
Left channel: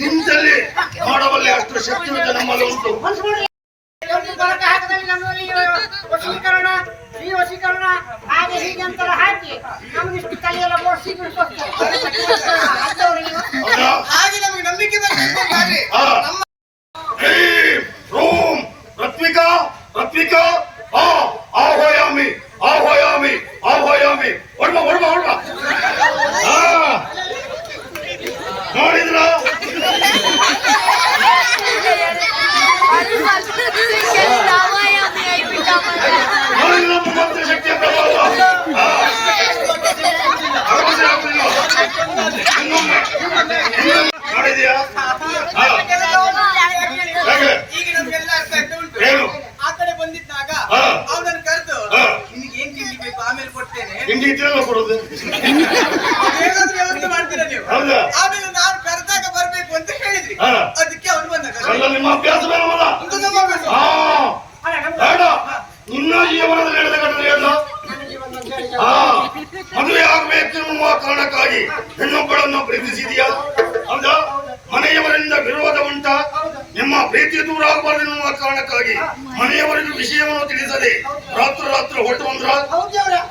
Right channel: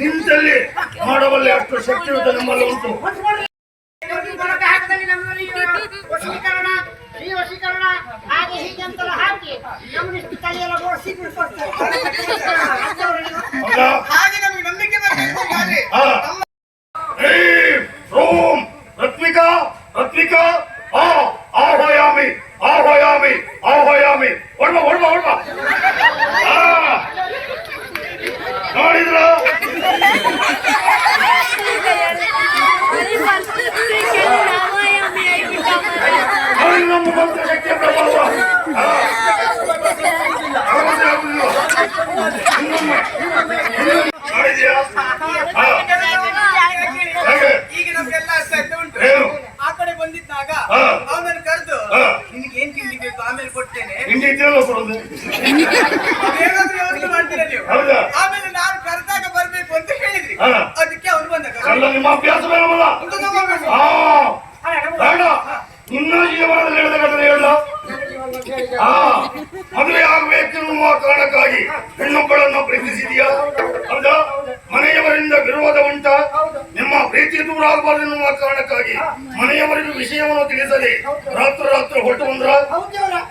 ನಿಂತಲ್ಲಿ ಮಾಡಬಲ್ಲೆ ಅಷ್ಟು ಶಕ್ತಿಯುತ ನಮ್ಮಲ್ಲಿ ಉಂಟು. ನಮ್ಮಲ್ಲಿ ವಶೀಕರಣ, ಶ್ರೀ ವಶೀಕರಣ ಹಾಗೆ ಹೀಗೆ ಅಂತೆಲ್ಲ ಹಾಕಿ ನಮ್ಮನಿಷ್ಟು ತಲೆಯೆಲ್ಲ ಓಡಿಸಿ ಹಾಗೆ ನಮಗೆ ನಂಬಿಕೆ ಬರ್ತಾರೆ. ಓಂ ರತ್ವಿಕಾ ರತ್ವಿಕಾ ಆಹ್ವಯಾಮಿ ಆಹ್ವಯಾಮಿ ಆಹ್ವಯಾಮಿ. ಹೊಡ್ಬ ಹೊಡ್ಬ ಹೊಡ್ಬ. ನೋಡಿದ್ರ ನಮ್ಮ ಮಂತ್ರ ಶಕ್ತಿಯ ಪ್ರಭಾವ. ಮಾಡಿದ್ಯಾ? ಈಗ ನಮ್ಗೆಲ್ಲ ಅರ್ಥ ಆಗ್ತಾ ಉಂಟು. ಏನು? ಆ ಕಡೆ ಬಂದಿದ್ದಾಗ ಅವನನ್ನು ಕರೆದು ನಿನಗೆ ಏನ್ ತಿಂಡಿ ಬೇಕು ಆಮೇಲೆ ಕೊಡ್ತೇನೆ, ಹಿಂಡಿ ಇದ್ರಲ್ಲ ಕೊಡೋದು. ಹೇಗಾದ್ರೂ ವ್ಯವಸ್ಥೆ ಮಾಡ್ತೀರಾ ನೀವು. ಹೌದಾ? ಆಮೇಲೆ ನಾನು ಕರೆದಾಗ ಬರ್ಬೇಕು ಅಂತ ಹೇಳಿದ್ರಿ, ಅದಕ್ಕೆ ಅವನು ಬಂದ. ಅಲ್ಲ, ನಿಮ್ಮ ಅಭ್ಯಾಸ ಬೇಡವಲ್ಲ. ಬೇಡ, ನಿನ್ನ ಜೀವನದಲ್ಲಿ ನಡೆದ ಘಟನೆ ಹೇಳ. ಮದುವೆ ಆಗಬೇಕೆನ್ನುವ ಕಾರಣಕ್ಕಾಗಿ ಹೆಣ್ಣೊಬ್ಬಳನ್ನು ಪ್ರೀತಿಸಿದೆಯಾ? ಹೌದಾ? ಮನೆಯವರಿಂದ ವಿರೋಧ ಉಂಟ. ನಿಮ್ಮ ಪ್ರೀತಿ ದೂರ ಆಗಬಾರದೆನ್ನುವ ಕಾರಣಕ್ಕಾಗಿ ಮನೆಯವರಿಗೂ ವಿಷಯವನ್ನು ತಿಳಿಸದೆ ರಾತ್ರಿ ಹೊರಟು ಬಂದ್ರ,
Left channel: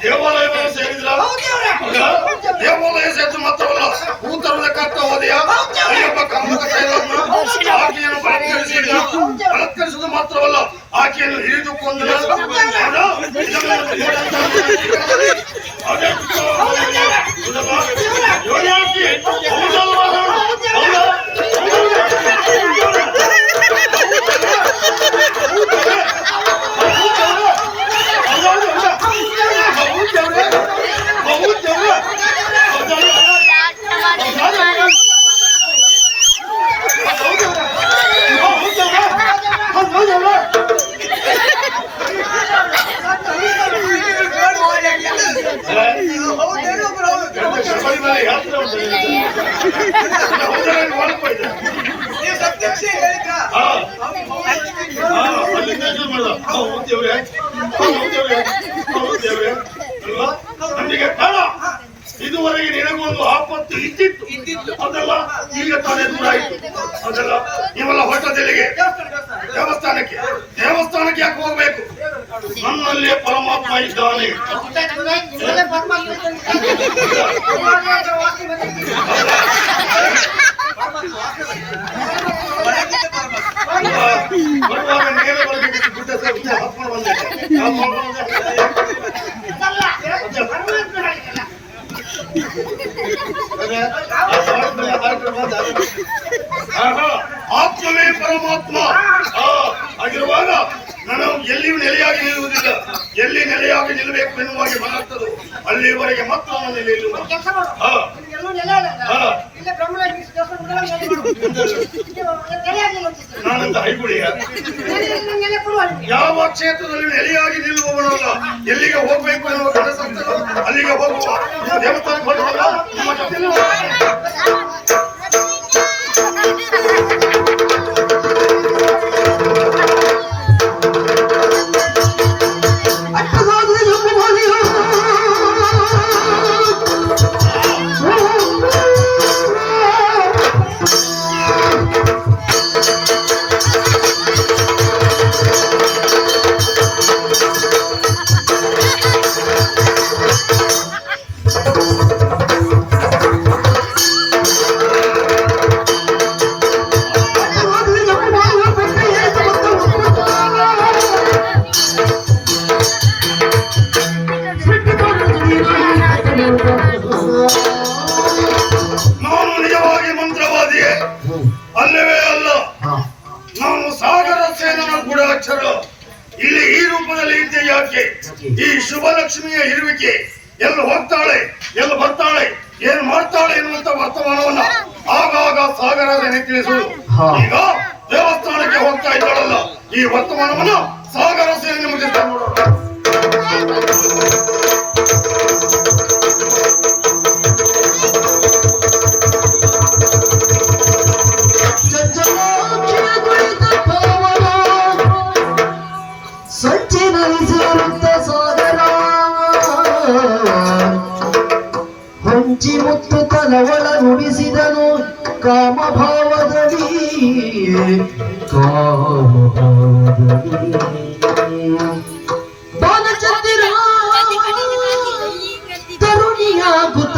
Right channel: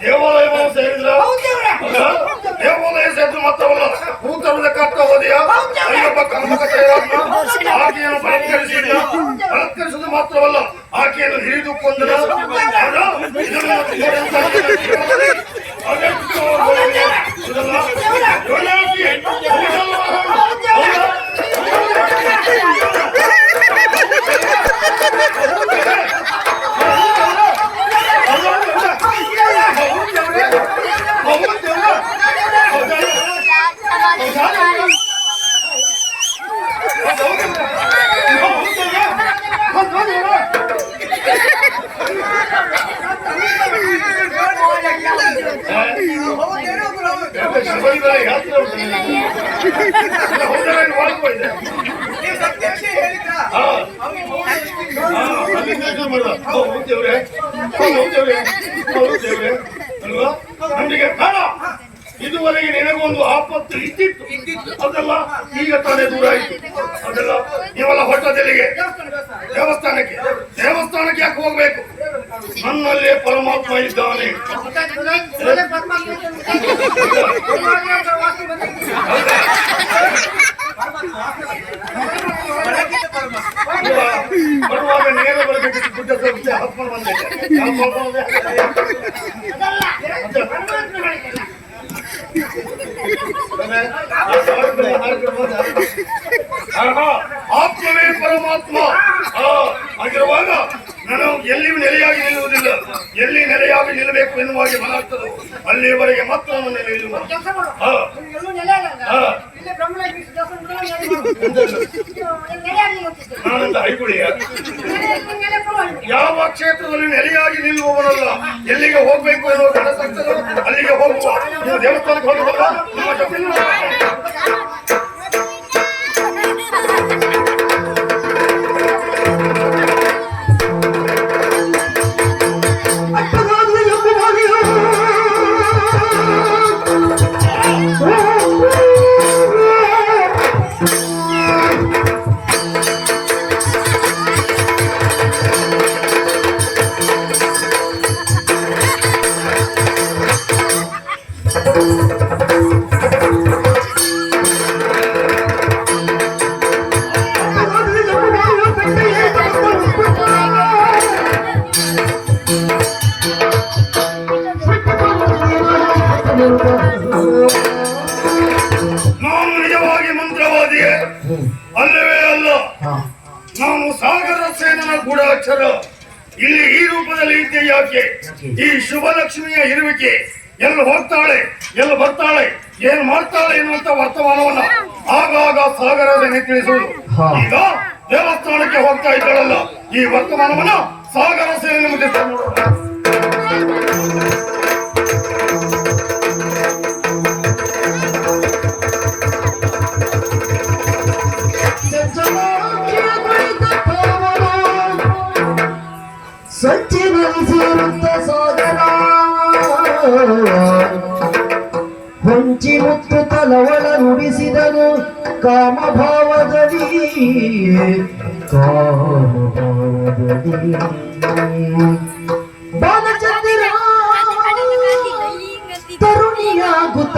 ದೇವಾಲಯವನ್ನು ಸೇರಿದ್ರ. ದೇವಾಲಯ ಸೇರಿದ ಮಾತ್ರವಲ್ಲ, ಹೂ ತರುವುದಕ್ಕಾಗ್ತ ಹೋದೆಯಾ? ಅಯ್ಯಪ್ಪ ಕಾಮಕ ಆಕೆಯನ್ನು ಬಲತ್ಕರಿಸುವುದು ಮಾತ್ರವಲ್ಲ, ಆಕೆಯನ್ನು ಹಿಡಿದು ಕೊಂದರ. ಹೌದೇನು ವಿಷಯ ಹೇಳಿದ್ರಾ? ಹಾ. ಅವ್ನಿಗೆ ಮೌನ ವ್ರತ ಅಲ್ಲಿ ಕೆಲಸ ಮಾಡ್ದ. ಹೋಗ್ತೇವ್ರೆ ಅಲ್ವಾ? ನಮಗೆ ಬೇಡ. ಇದುವರೆಗೆ ನಿನಗೊಂದು ಆಪತ್ತು ಇದ್ದಿತ್ತು ಅದಲ್ಲ, ಈಗ ತಾನೇ ದೂರ ಆಯ್ತು ಅದಲ್ಲ. ಇವೆಲ್ಲ ಹೊಟ್ಟದೆಲ್ಲಿಗೆ ದೇವಸ್ಥಾನಕ್ಕೆ ಯಾಕೆ ಹೋಗ್ಬೇಕು? ನನ್ನಲ್ಲೇ ಪರಮಾತ್ಮ ಇದ್ದಾನೆ. ಹೊರಗಿದ್ದ ಪರಮಾತ್ಮ. ಬರುವಾಗ ನೇರ ಬರಬೇಕಿತ್ತು. ಗುಡ್ಡ ಸ್ವಲ್ಪ ಹಾಕ್ಕೊಂಡು ಬಂದೆ. ಯಾವ ಮಾಡ್ಕೊಂಡೆ? ಆತ್ಮವೇ ಪರಮಾತ್ಮ ಆಗಿರುವಾಗ ನಾನು ಎಲ್ಲಿಯೂ ನೆಲೆಯಾಗಿ ನಿಲ್ಲುವುದಿಲ್ಲ. ಎಲ್ಲಿ ನೆಲೆಯಾಗಿ ನಿಲ್ಲಬೇಕು ಎನ್ನುವಾಗಿ ಮನಾಗ್ತದೆ ಅಲ್ಲಿಯವರೆಗೆ ಮತ್ತೊಂದು ನೆಲೆಯಲ್ಲಿ ನಾನಂತ ಹೈಗುಳಿಯ ಯಾವ ಕ್ಷೇತ್ರದಲ್ಲಿ ನೆಲೆಯಾಗಿ ನಿಲ್ಲುವವನಲ್ಲ. ಎಲ್ಲಿಗೆ ಹೋಗ್ಬೇಕು ಎನ್ನುವ ಕೆಲಸಗಳು ಅಲ್ಲಿಗೆ ಹೋಗುವ. ದೇವಸ್ಥಾನಕ್ಕೆ ಹೋಗುವಾಗ ನಮ್ಮ ಜೊತೆ ನಾನು ನಿಜವಾಗಿ ಮಂತ್ರವಾದಿಯೇ ಅಲ್ಲವೇ ಅಲ್ಲ. ನಾನು ಸಾಗರ ಸೇನನ ಗೂಢಾಕ್ಷರ. ಇಲ್ಲಿ ಈ ರೂಪದಲ್ಲಿ ಇದ್ದೆ ಯಾಕೆ? ಈ ಶುಭ ಲಕ್ಷ್ಮಿಯ ಇರುವಿಕೆ ಎಲ್ಲಿ ಹೋಗ್ತಾಳೆ, ಎಲ್ಲಿ ಬರ್ತಾಳೆ, ಏನ್ ಮಾಡ್ತಾಳೆ ಎನ್ನುವಂತ ವರ್ತಮಾನವನ್ನ ಆಗಾಗ ಸಾಗರದಲ್ಲಿ ತಿಳಿಸುವುದು. ಈಗ ದೇವಸ್ಥಾನಕ್ಕೆ ಹೋಗ್ತಾ ಇದ್ದಾಳಲ್ಲ, ಈ ವರ್ತಮಾನವನ್ನ ಸಾಗರ ಸೇನೆ ಮುಗಿಸ್ತಾ ನೋಡೋಣ. ಸಂಚಿನರಿಸಿರುತ್ತ ಸಾಗರ ಹೊಂಚಿ ಮುತ್ತು ತಲವಳ ನುಡಿಸಿದನು ಕಾಮಭಾವದಲ್ಲಿ ಬಾಲಚಂದಿರ ತರುಣಿಯಾಗುತ್ತ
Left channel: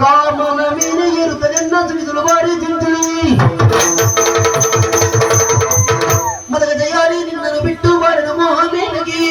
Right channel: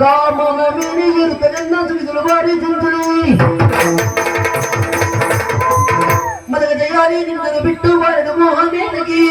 ಕಾಮನ ಮೇಲೆ ಇರುತ್ತದೆ ನಸುವಿದಳು ಬಾರಿ ತಿಂತಳಿ ಮದಗ ಜಯಾರಿ ನಿನ್ನನ್ನು ಬಿಟ್ಟು ಬಾರದು ಮೋಹ ಮೇನಗಿ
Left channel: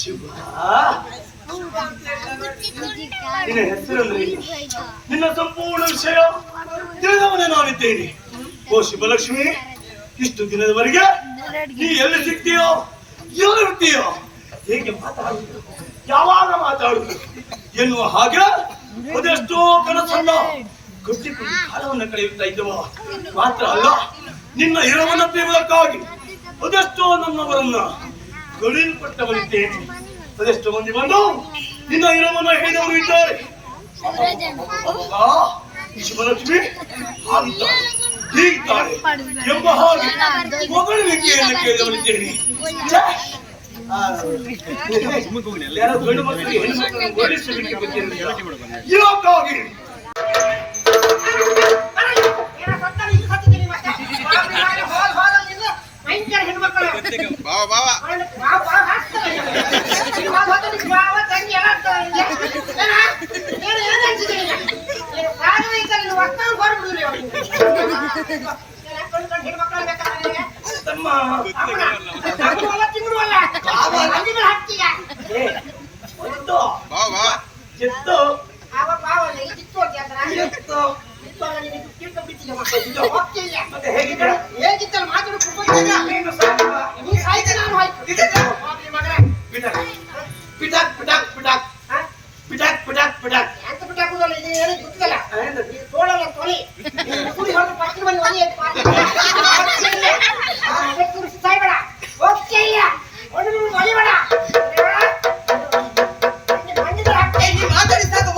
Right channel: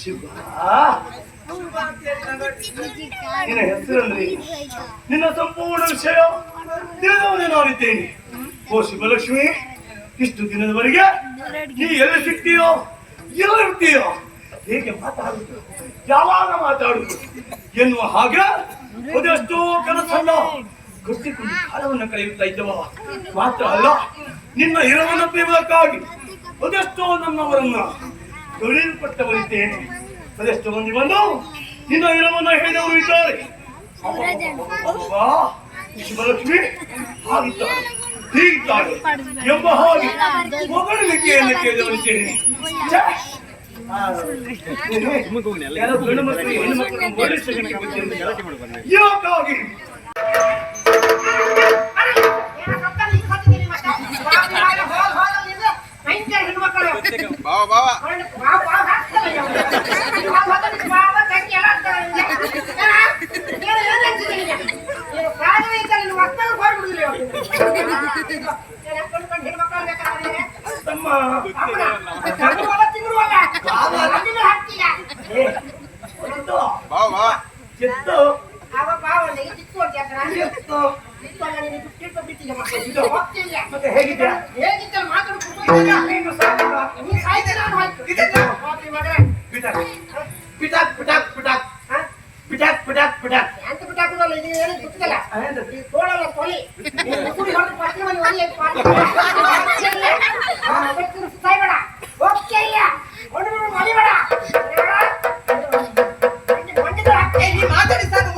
ಶಿವ, ನಿನ್ನ ಹೆಸರಲ್ಲಿ ನಿನ್ನ ಸಂಪೂರ್ಣ ವಿಷಯ ತಿಳಿದವನೇ ನಾನಿದ್ದೇನೆ. ಓ ಶಿವಲಕ್ಷ್ಮಿ, ಇಷ್ಟು ದಿನದವರೆಗೆ ನೀ ಎಲ್ಲಿ ಸಿಗ್ತೀಯೋ ಎಲ್ಲಿರ್ತೀಯೋ, ಹೇಗೆ ಮಾತಾಡುದು, ಯಾವಾಗ ಮಾತಾಡುದು ಎನ್ನುವ ಹಾಗೆ ಅದೆಷ್ಟೋ ಕನಸಲ್ಲ ಕಟ್ಟಿಕೊಂಡು ಕಾಲವನ್ನು ಕಳೆಯುತ್ತಾ ಇದ್ದವ. ಮಾತ್ರ ಅಲ್ಲ, ನಿನ್ನ ಇರವನ್ನ ಪ್ರೇಮಕ್ಕಾಗಿ ಅದೆಷ್ಟೋ ನನ್ನವರನ್ನ ಕಳೆಯಲ್ಪಟ್ಟವರಿದ್ದೇನೆ. ಅದೆಷ್ಟೋ ಮಂದಿ ಬಂದು ನಿನ್ನ ಇರವನ್ನ ಹೇಳಿದವರು ಇದ್ದಾರೆ. ಶಿವಲಕ್ಷ್ಮಿ ಹಾಗಿದ್ದಾಳೆ ಹೀಗಿದ್ದಾಳೆ ಎಂಬ ಹಾಗೆ ಹೊಗಳಿಕೆಯನ್ನು ಕೇಳಿದವರಿದ್ದೇನೆ. ಯಾರೋ ಗಂಡು ಮಕ್ಕಳಿಗೆ ಹೆಣ್ಣು ಮಕ್ಕಳನ್ನು ಹೊರಡಿಸಲಿಕ್ಕೆ ಗೊತ್ತಿರಲಿಲ್ಲ. ಯಾಕಾಗಿ ತಮ್ಮ ಚಿತ್ತು ಮತ್ತೆ ಹೇಗಿದೆ ಪಿಟಾಕ್ ಪಿಟಾಕ್ ಪಿಟಾಕ್ ಪಿಟಾಕ್ ಪಿಟಾಕ್ ಪಿಟಾಕ್ ಎಂತ ಬಿಟ್ಟಾಕುದಲ್ಲ, ಇದು ಏನು ಗೊತ್ತಿಲ್ಲ. ತೋಳಲ್ಲ ತೊಲಿ ಕುಡಿ ಹೊರಟು ಪಟ್ಟಿ ಬಂದು ಒಲಿ ಸಾಯ್ಬೇಡ, ಹೋಗ್ತೇ ಇಲ್ಲ ಒಣರು ಮಲಿಬೇಡ. ಮಾತಾಡಿ ಸಾಕು,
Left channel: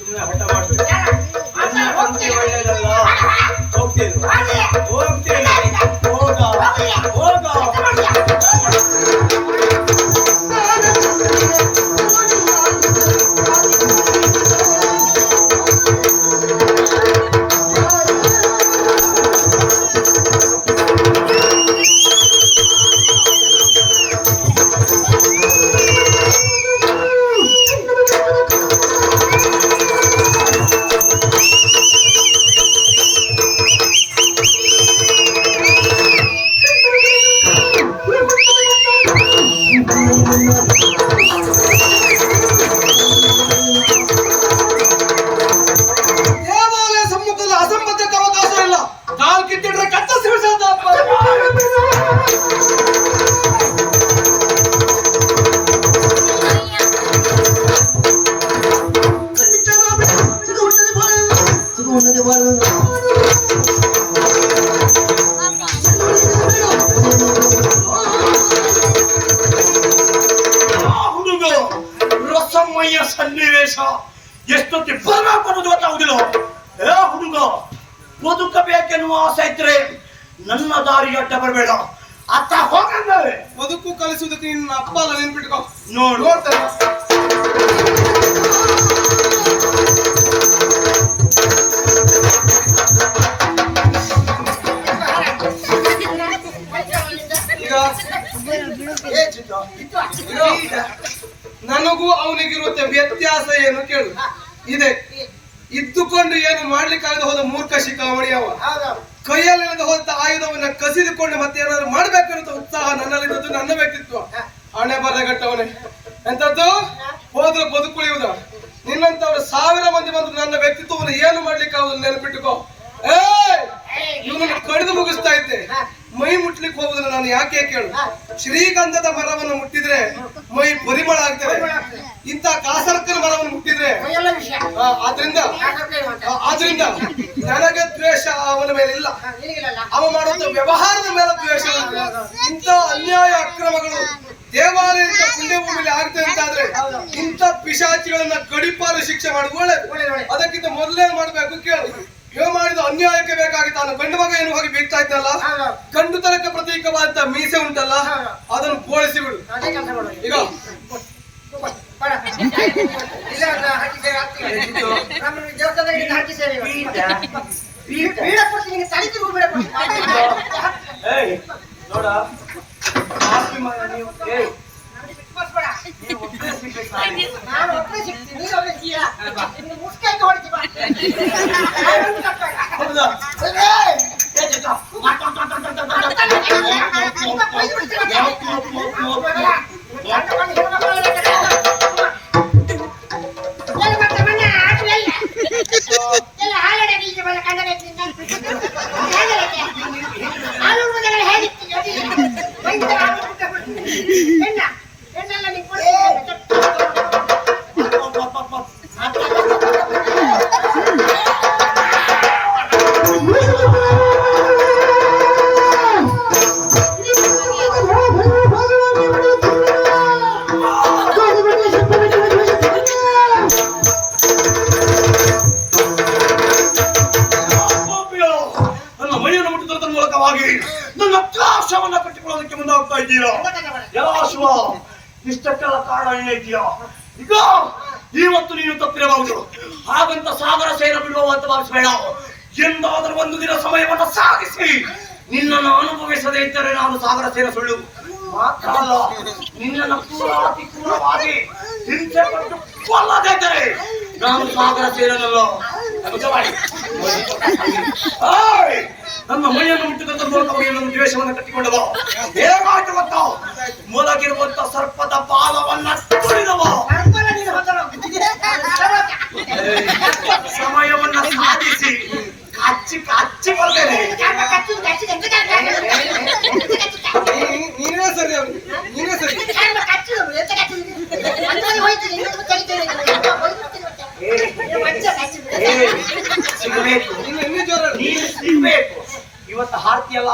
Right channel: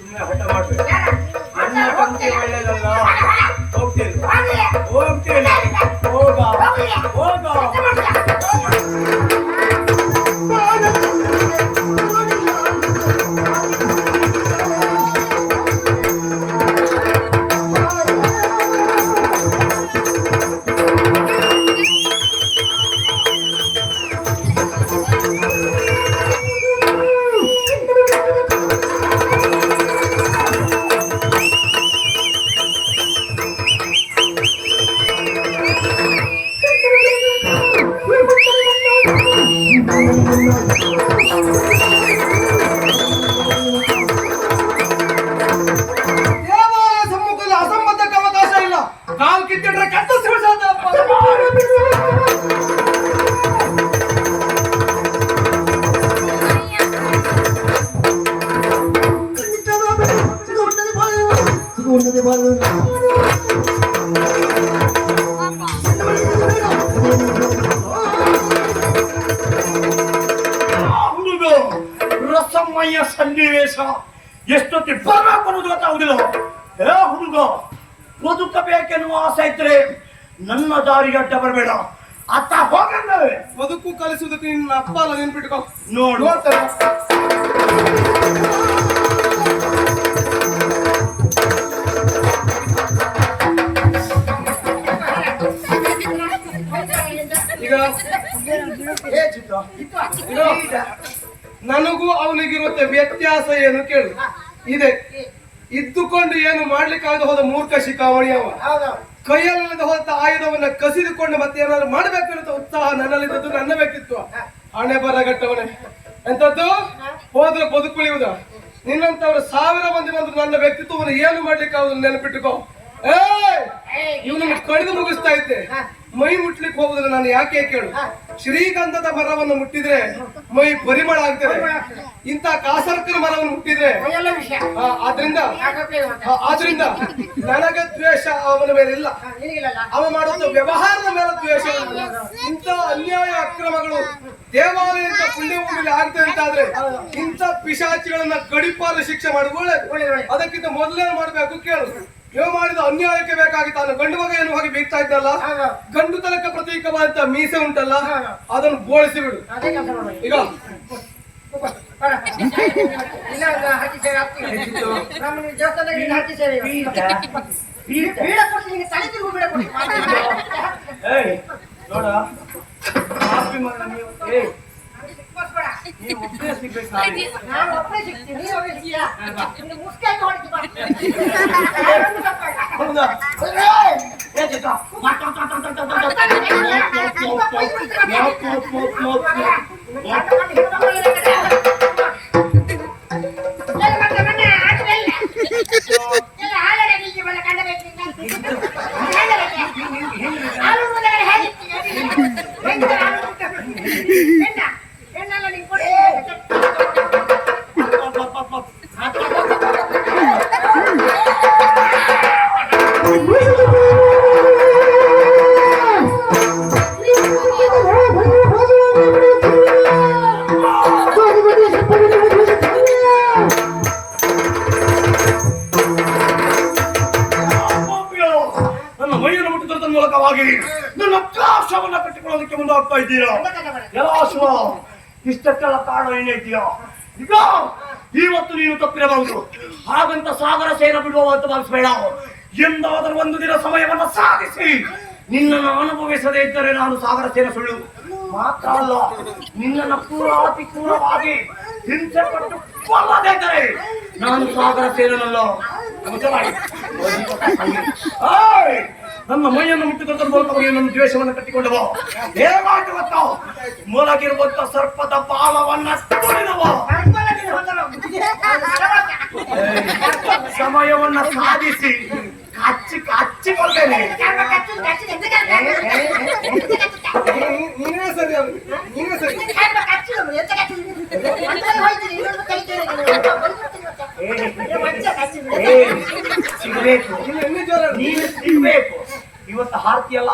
ಸುಮ್ಮನೆ ಹಠ ಮಾಡ್ಬೇಕು. ನನ್ನ ಕಂತೆ ಒಳ್ಳೆಯದಲ್ಲ. ಹೋಗ್ತೇನೆ ಹೋಗ್ತೇನೆ, ಹೋಗ ಹೋಗ. ದೇವಾಲಯ ಸಮ್ಮುಖದಲ್ಲಿ ಅಸಂಬದ್ಧಕ್ಕೆ ಅವಕಾಶ ಇಲ್ಲ. ಕಾಲ್ ಕಿತ್ತಿಡ್ರೆ ಕತ್ತರಿಸಿ ಬಿಡ್ಸೋದಪ್ಪ. ಹುಡುಗ ರಸಮಯ ಸನ್ನಿವೇಶ ಎಷ್ಟೊತ್ತಿ ಬರಬೇಕು ಗೊತ್ತಾಗುದಿಲ್ಲ. ಏ ಹುಡುಗ, ಬದುಕಬೇಕೆನ್ನುವ ಆಸೆ ಇದ್ರೆ ನನ್ನ ದಾರಿ ಅಡ್ಡ ಬರಬೇಡ. ಅತ್ತ ಹೋಗಂಗವೇ ಬದುಕು ಕಲಿಸುವುದಕ್ಕೆ ನಿನ್ನ ಅಪ್ಪ ಅಲ್ಲ, ನೆನ್ಪಿಟ್ಕೋ. ನೋಡ್ತೇನೆ. ಈಗ ನನಗೂ ಅವನಿಗಿರುತ್ತೆ ವ್ಯತ್ಯಾಸ ಏನು ಕೇಳು. ಇದೆ ಇದ್ದುಕೊಂಡು ಏನು ಮಾಡ್ಲಿಕ್ಕಾಗದ ಹೋದ ಮೂರ್ಖ ಶಿಖಾವಣಿ ಅವ. ಕೈಯಲ್ಲಿಲ್ಲದ ಹೋದ ಆಯುಧವನ್ನ ಕಸಿದುಕೊಂಡು ಮತ್ತೆ ಏನಾದ್ರು ಮಾಡ್ಬೇಕಿರುತ್ತ ಉತ್ಸಾಹ ನನ್ನಲ್ಲಿದ್ದದ್ದು, ನನ್ನ ವ್ಯಕ್ತಿತ್ವ. ಹಣೆ ಬರಗಟ್ಟವನೇ ಎಂತದ್ದು ಹೋದ್ರೆ ಬದುಕುಳಿಯುವುದ. ನಿನ್ನಂತವ್ರ 1000 ಮಂದಿ ಬಂದ್ರು ನನ್ನ ವ್ಯಕ್ತಿತ್ವವನ್ನು ಏನು ಮಾಡ್ಲಿಕ್ಕಾಗುದು ನೆನಪಿಟ್ಟುಕೋ. ಇವನನ್ನು ಕಡಿದು ಮುಗಿಸ್ತಾ ಇದ್ದೆ. ಮೈ ಮುಟ್ಲಿಕ್ಕೆ ಹೋಗುದು ನಾನು ಯಾಕೆ ಕೇಳು. ಶ್ರೀಗಂಧದ ಮರವನ್ನು ಮುಟ್ಟಿದ್ರೆ ಮೈ ಪರಿಮಳ ಆಗ್ತದೆ. ಇಂತ ಕಾಸರಕ್ಕನ ಮರವನ್ನು ಮುಟ್ಟಿದ್ರೆ ಆದ್ರಿಂದ ನನಗೆ ದ್ವೇಷ ಅವನ ಮೇಲೆ ಇಲ್ಲ. ಅವ ಮಾಡುತ್ತ ವ್ಯವಹಾರದ ಮೇಲೆ ದ್ವೇಷ. ಇಂಥ ಅನ್ಯಾಯ ಅಕ್ರಮಗಳು ದೇವಾಲಯದ ಪುಣ್ಯಭೂಮಿಯಲ್ಲಿ ಆಗ್ತದೆ ಅಂತಾದ್ರೆ ಇಂಥ ಪಿಶಾಚಿಗಳನ್ನ ಗಡಿಪಾರು ಶಿಕ್ಷೆ ಮಾಡುದು ಒಳ್ಳೇದು. ಅದಕ್ಕಿಂತ ಮೊದಲೇನ್ ಮಾಡ್ಬೇಕು ಕೇಳು. ಇವ ಮಾಡಿದ ಅನ್ಯಾಯಕ್ಕೆ ಬೇಕಾಗಿ ತಾನು ಗಂಡು ಮಗ ಏನು ಹೋಗಿ ಬೀಗ್ತಾ ಇದ್ದಲ್ಲ, ಗಂಡು ತನಕ ಪ್ರತೀಕವಾದಂತ ಮೀಸೆ ಉಂಟಲ್ಲ, ಅದನ್ನು ಬೋಳಿಸಿ ಬಿಡು. ಈಗ ನೋಡ, ನೀವು ಒಬ್ಬನೇ ಸಿಗ್ಬೇಕು. ನಾನು ಒಬ್ಬನೇ ಸಿಗ್ತೀನಿ, ನೀನು ಒಬ್ಬನೇ ಸಿಗ್ತೀಯಾ? ಮುಸ್ಕಾಯ್ತು ಹೊಡಿತೀವಿ. ಹೌದಾ? ನನ್ನ ಮೈಯನ್ನು ಮುಟ್ಟಿದ ಮೂಲಕವಾಗಿ ನನ್ನ ಅಕ್ಷಾಕ್ಷವನ್ನ ಕಟ್ಟಿಕೊಳ್ಳೋದಕ್ಕೆ ಮುಂದಾಗ್ತಾ ಇದ್ದೀರಾ? ಎಲ್ಲ ಶಿವ, ಇಷ್ಟಕ್ಕೆಲ್ಲ ಕಾರಣ ಏನೈತೀಯ? ಈಗ ಇವತ್ತು ನೀನು ತಪ್ಪಿರಬಹುದು, ಹಾಗಂತ ಸಾಗರ ಸೇರ ಬಿಡುವ ಅಂತ ಭಾವಿಸಬೇಡ. ಎಂದಾದರೂ ಒಂದು ದಿನ ಸಮಯವನ್ನು ಸಾಧಿಸಿ ನಿನ್ನನ್ನು ಅನುಭವಿಸದೇ ಇದ್ದರೆ ನಾನು ಸಾಗರ ಸೇರ ಸುಳ್ಳು ಮಾತ್ರ ಅಲ್ಲ, ನಿನ್ನನ್ನು ಅತಿ ಕ್ರೂರವಾಗಿ ಹಿಂಸೆ ಪಟ್ಟು ಕೊಲ್ಲದೇ ಇದ್ದರೆ ನಾನು ಸಾಗರ ಸೇರನಲ್ಲ. ನನ್ನ ಮೈಯನ್ನು ಮುಟ್ಟಿದ ಮೂಲಕವಾಗಿ ನನ್ನ ದ್ವೇಷವನ್ನು ಕಟ್ಟಿಕೊಂಡವ. ಹೇಗಾಯ್ತು ಗೊತ್ತಾ? ಮೊಳಗಿರುವಂತ ಸರ್ಪದ ಬಾಲವನ್ನ ತುಳಿದವ. ಸಮಯವನ್ನ ಸಾಧಿಸಿ ಕಚ್ಚಿ ಕಚ್ಚಿ ಬರ್ತೇನೆ. ನೀನೇ ಸರಿ, ನೀನೇ ಸರಿ. ಸಿಗಬೇಕು, ಇನ್ನೂ ಜೋರ ನೀನು ಸಿಗಬೇಕು. ಇವತ್ತು ಹಾರ್ತಿಯಲ್ಲ,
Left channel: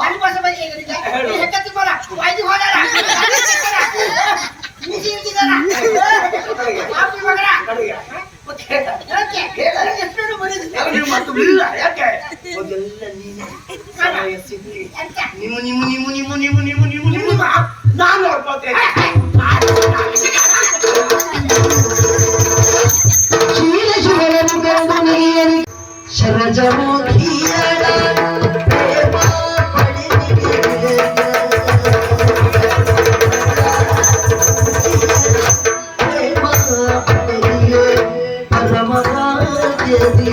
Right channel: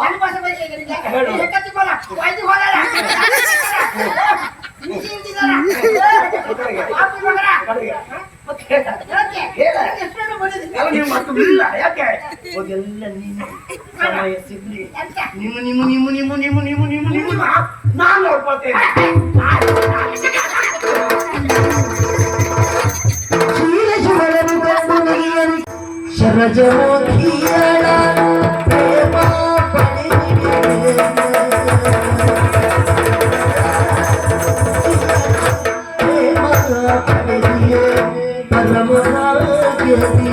ಯಾಕೆ ಎಲ್ಲ ನೀನು ಸಮಯ ಸಿಗ್ಲಿ. ನಿಮ್ಮ ನಾನು ನೋಡ್ಕೊಳ್ತೇನೆ. ಶರಜಮುಖಿಯಳ ಪ್ರೇಮ ಪಡೆದಿದೆ ಪ್ರೇಮ ಪಡೆದಿದೆ ಪರಮರಾಜದಿ